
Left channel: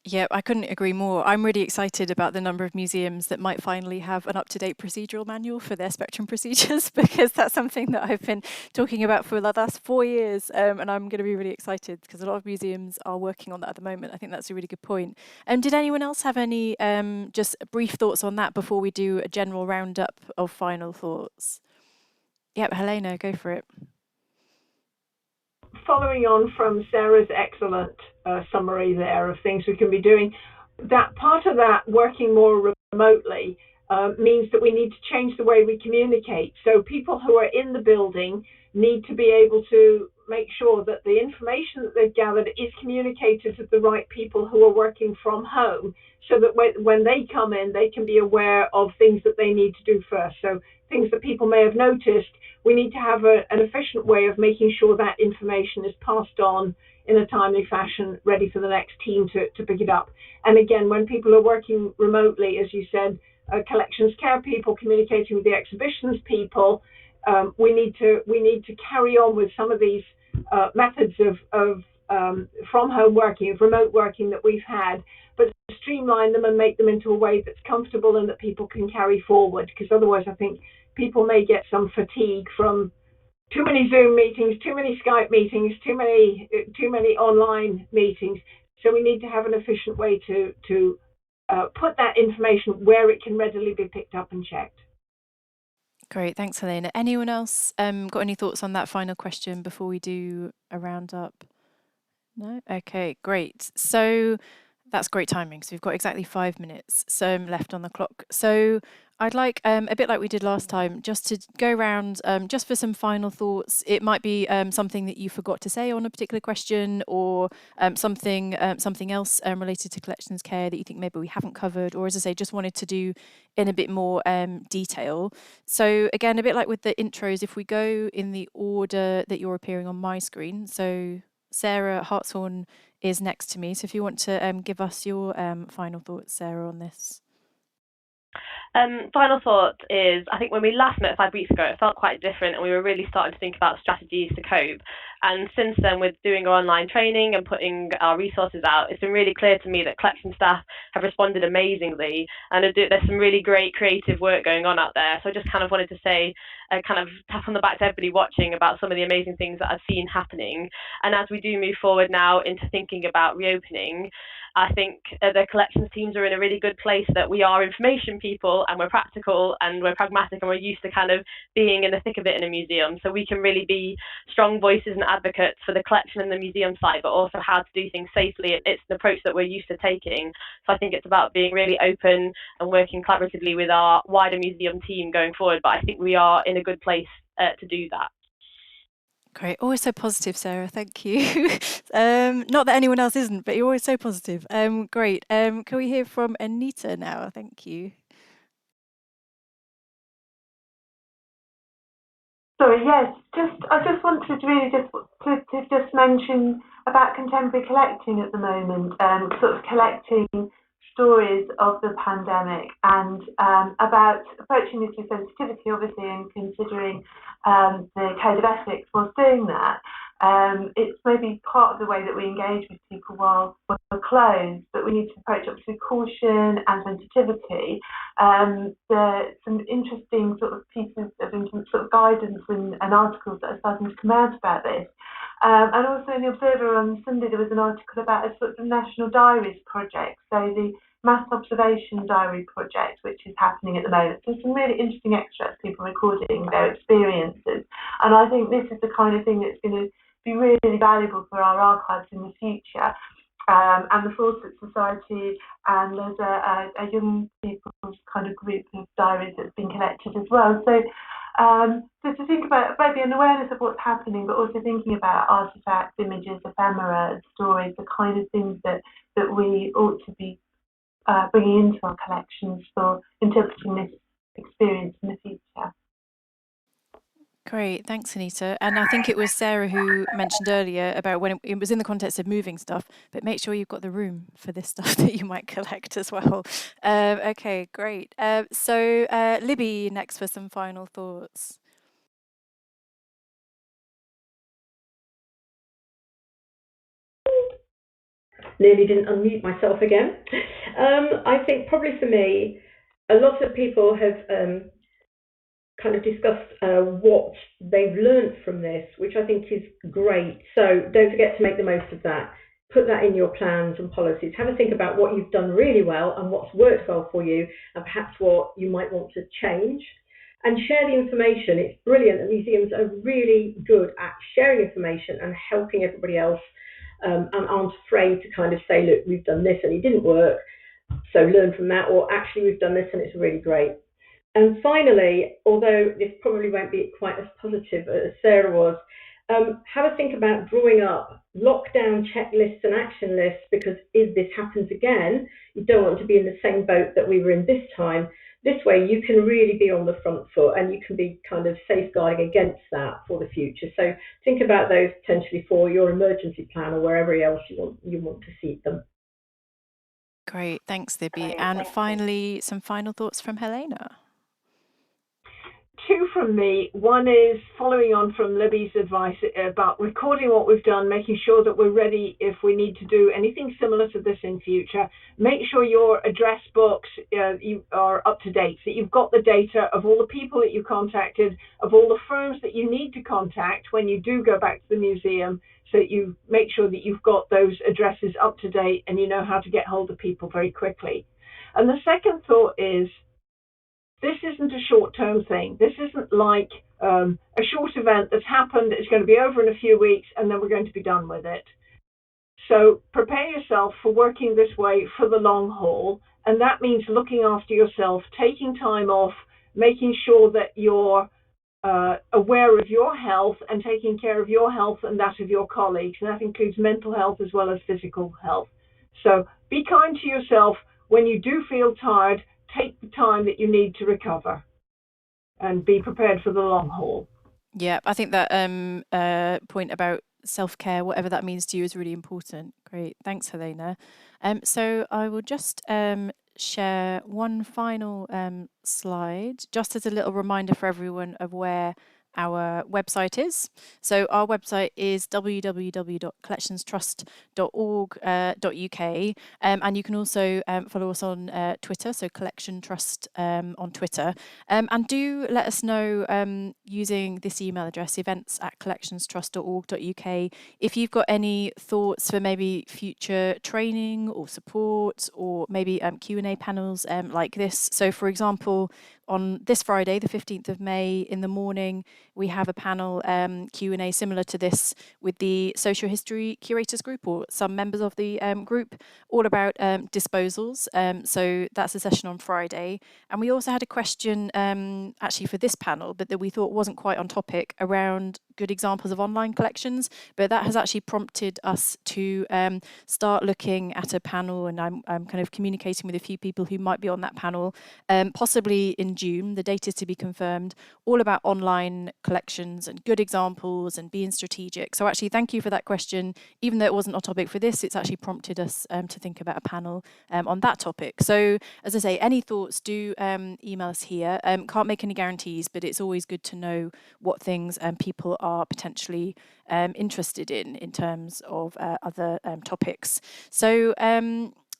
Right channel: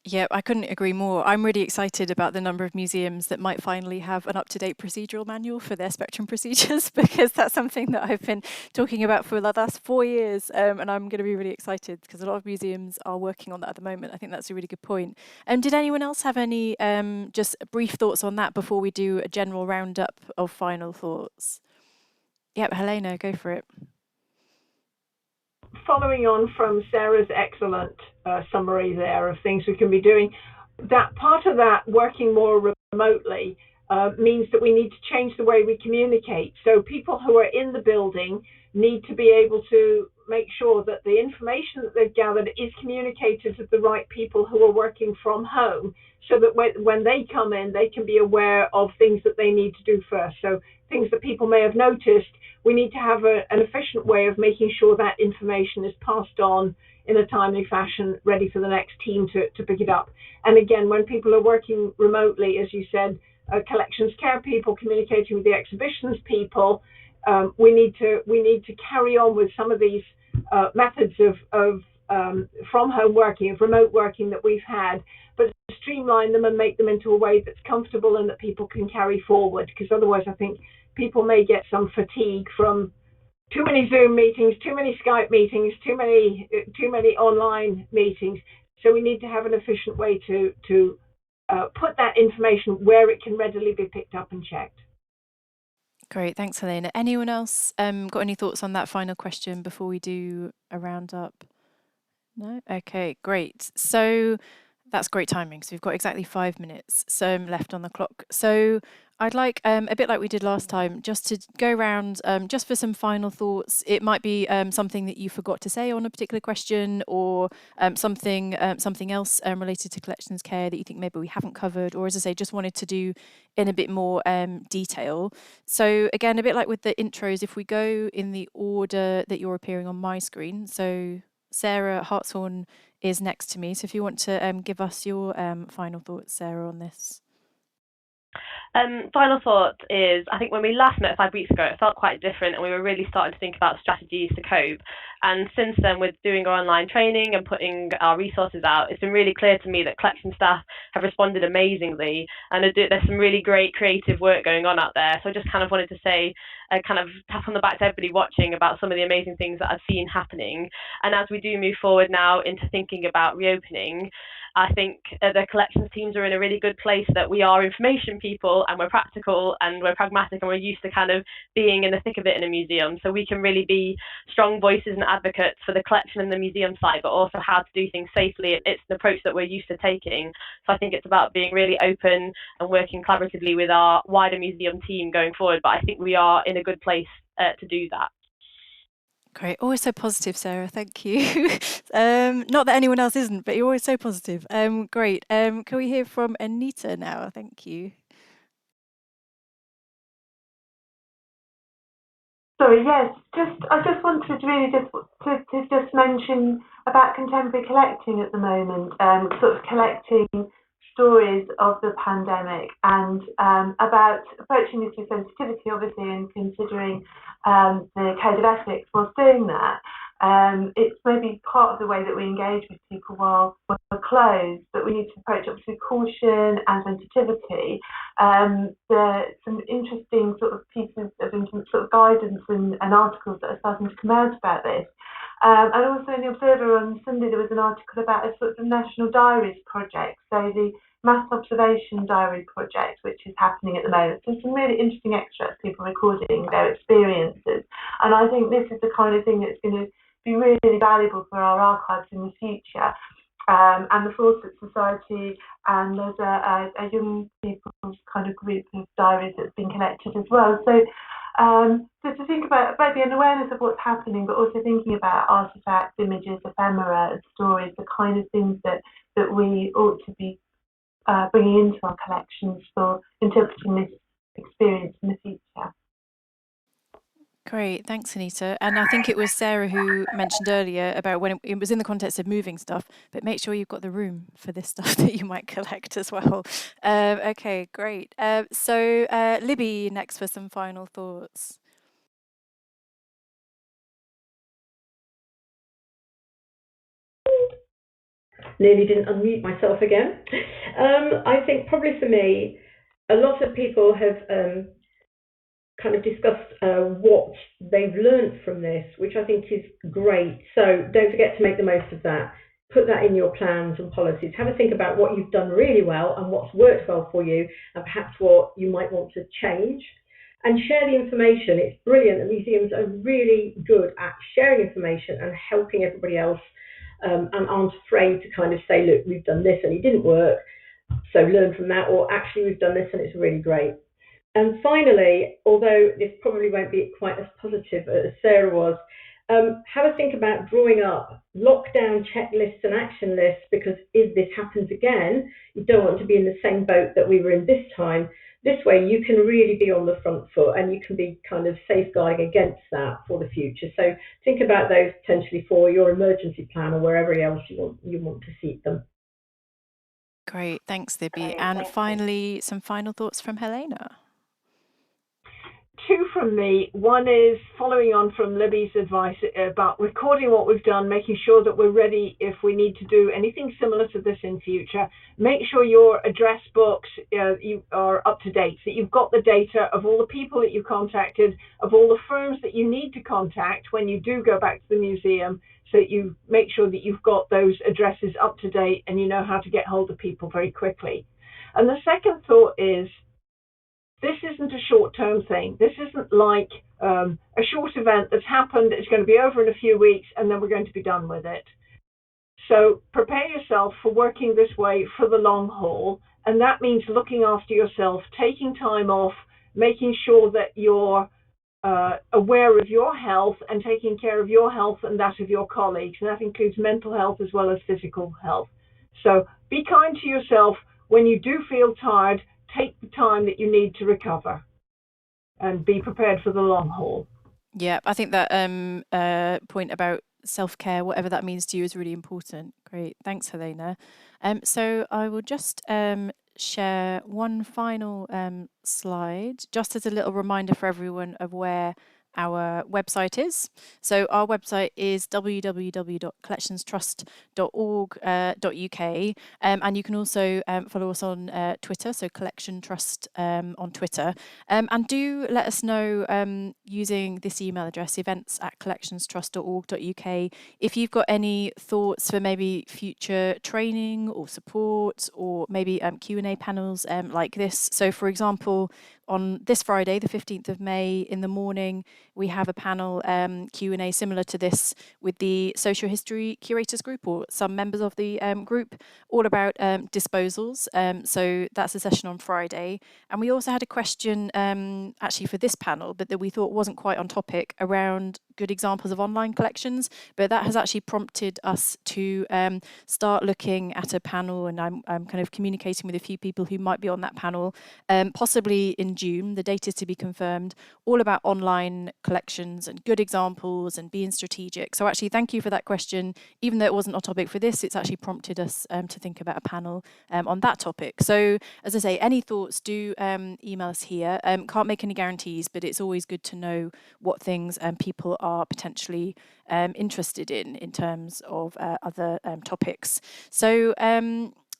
Yeah, I couldn't agree more. I'm really excited about the number of museums that might finally have an up-to-date procedural manual for their spectrum procedures, because that's something that I've been talking about for the last 4 years, and I'm going to be really excited because a lot of museums are working on that at the moment. I think that's a really good point. Did anyone else have any just brief thoughts on that before we do a general roundup of final thoughts? Yep, Helena, go for it. Following on from Sarah's excellent summary there of things we can be doing, that part of that working more remotely means that we need to change the way we communicate. So people who are in the building need to be able to make sure that the information that they've gathered is communicated to the right people who are working from home, so that when they come in, they can be aware of things that they need to do first. So things that people may have noticed, we need to have an efficient way of making sure that information is passed on in a timely fashion, ready for the next team to pick it up. And again, when people are working remotely, as you said, collections care people communicating with the exhibitions people, we need to carry on with some of these methods of from home working, of remote working that we've had, but streamline them and make them into a way that's comfortable and that people can carry forward, because otherwise I think people may get some fatigue from too many Zoom meetings, too many Skype meetings, too many online meetings. So we need to have an efficient way to put that information where it can readily be picked up and checked. Great, thanks, Helena. Anyone else got any thoughts on that final question before we do a roundup? No? Okay, great. So that's great timing. So we've got exactly 5 minutes left on the clock. So I'd like, a bit like we did last time, just to go around just for some final thoughts. It might be something that you forgot to say on a particular question, or something else related to collections care that you think maybe we haven't covered, or as I say, just wanted to do in a bit more detail. So again, a bit like with the intros, if we go in the order that you're appearing on my screen. So Sarah Hartshorne is next to me. So if you want to give us your final thoughts, Sarah, on this. Final thought is, I think when we last met 5 weeks ago, it felt quite different, and we were really starting to think about strategies to cope. And since then, with doing our online training and putting our resources out, it's been really clear to me that collection staff have responded amazingly, and there's some really great creative work going on out there. So I just kind of wanted to say, kind of tap on the back to everybody watching about some of the amazing things that I've seen happening. And as we do move forward now into thinking about reopening, I think the collections teams are in a really good place, that we are information people and we're practical and we're pragmatic and we're used to kind of being in the thick of it in a museum. So we can really be strong voices and advocates for the collection and the museum site, but also how to do things safely. It's an approach that we're used to taking. So I think it's about being really open and working collaboratively with our wider museum team going forward. But I think we are in a good place to do that. Great. Always so positive, Sarah. Thank you. Not that anyone else isn't, but you're always so positive. Great. Can we hear from Anita now? Thank you. Sorry, yes. I just wanted really to just mention about contemporary collecting at the moment, sort of collecting stories of the pandemic, and about approaching this with sensitivity, obviously, and considering the code of ethics whilst doing that. It's maybe part of the way that we engage with people while we're closed, but we need to approach it with caution and sensitivity. Some interesting sort of pieces of sort of guidance and articles that are starting to come out about this. And also in the Observer on Sunday, there was an article about a sort of national diaries project. So the mass observation diary project, which is happening at the moment. So some really interesting extracts, people recording their experiences. And I think this is the kind of thing that's going to be really valuable for our archives in the future. And the Fawcett Society, and there's a young people's kind of group of diaries that's been collected as well. So to think about maybe an awareness of what's happening, but also thinking about artifacts, images, ephemera, stories, the kind of things that we ought to be bringing into our collections for interpreting this experience in the future. Great, thanks, Anita. And I think it was Sarah who mentioned earlier about when it was in the context of moving stuff, but make sure you've got the room for this stuff that you might collect as well. Okay, great. So Libby next for some final thoughts. Nearly didn't unmute myself again. I think probably for me, a lot of people have kind of discussed what they've learned from this, which I think is great. So don't forget to make the most of that. Put that in your plans and policies. Have a think about what you've done really well and what's worked well for you, and perhaps what you might want to change. And share the information. It's brilliant that museums are really good at sharing information and helping everybody else, and aren't afraid to kind of say, look, we've done this and it didn't work, so learn from that, or actually we've done this and it's really great. And finally, although this probably won't be quite as positive as Sarah was, have a think about drawing up lockdown checklists and action lists, because if this happens again, you don't want to be in the same boat that we were in this time. This way you can really be on the front foot and you can be kind of safeguarding against that for the future. So think about those potentially for your emergency plan or wherever else you want to seat them. Great, thanks, Libby. And finally, some final thoughts from Helena. Two from me. One is following on from Libby's advice about recording what we've done, making sure that we're ready if we need to do anything similar to this in future. Make sure your address books you are up to date, that you've got the data of all the people that you contacted, of all the firms that you need to contact when you do go back to the museum, so that you make sure that you've got those addresses up to date and you know how to get hold of people very quickly. And the second thought is, this isn't a short-term thing. This isn't like a short event that's happened, it's going to be over in a few weeks, and then we're going to be done with it. So prepare yourself for working this way for the long haul, and that means looking after yourself, taking time off, making sure that you're aware of your health and taking care of your health and that of your colleagues, and that includes mental health as well as physical health. So be kind to yourself. When you do feel tired, take the time that you need to recover and be prepared for the long haul. Yeah, I think that point about self-care, whatever that means to you, is really important. Great, thanks, Helena. So I will just share one final slide, just as a little reminder for everyone of where our website is. So our website is www.collectionstrust.org.uk, and you can also follow us on Twitter, so Collection Trust on Twitter, and do let us know using this email address, events@collectionstrust.org.uk, if you've got any thoughts for maybe future training or support, or maybe Q&A panels like this. So for example, on this Friday, the 15th of May, in the morning, we have a panel Q&A similar to this with the Social History Curators Group, or some members of the group, all about disposals. So that's a session on Friday. And we also had a question actually for this panel, but that we thought wasn't quite on topic, around good examples of online collections. But that has actually prompted us to start looking at a panel, and I'm kind of communicating with a few people who might be on that panel, possibly in June. The date is to be confirmed, all about online collections and good examples and being strategic. So actually, thank you for that question. Even though it wasn't on topic for this, it's actually prompted us to think about a panel on that topic. So as I say, any thoughts, do email us here. Can't make any guarantees, but it's always good to know what things people are potentially interested in terms of other topics. So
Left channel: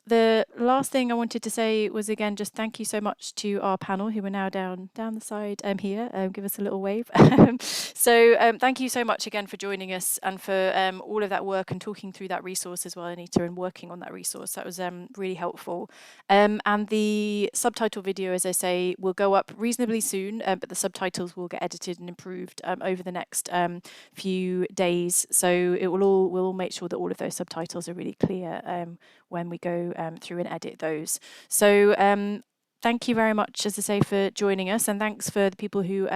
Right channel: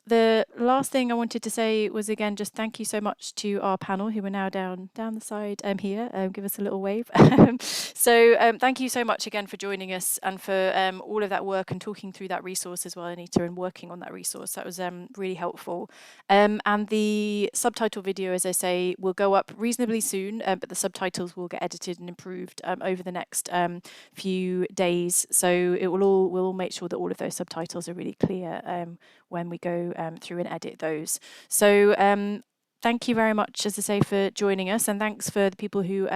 the last thing I wanted to say was, again, just thank you so much to our panel, who are now down the side here. Give us a little wave. So thank you so much again for joining us, and for all of that work and talking through that resource as well, Anita, and working on that resource. That was really helpful. And the subtitle video, as I say, will go up reasonably soon, but the subtitles will get edited and improved over the next few days. So we'll all make sure that all of those subtitles are really clear when we go through and edit those. So thank you very much, as I say, for joining us, and thanks for the people who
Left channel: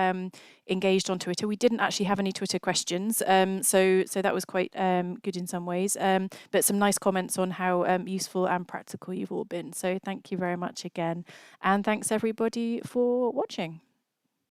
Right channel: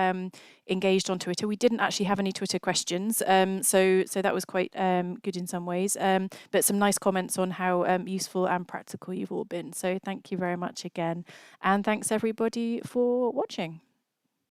engaged on Twitter. We didn't actually have any Twitter questions, so that was quite good in some ways, but some nice comments on how useful and practical you've all been. So thank you very much again, and thanks everybody for watching.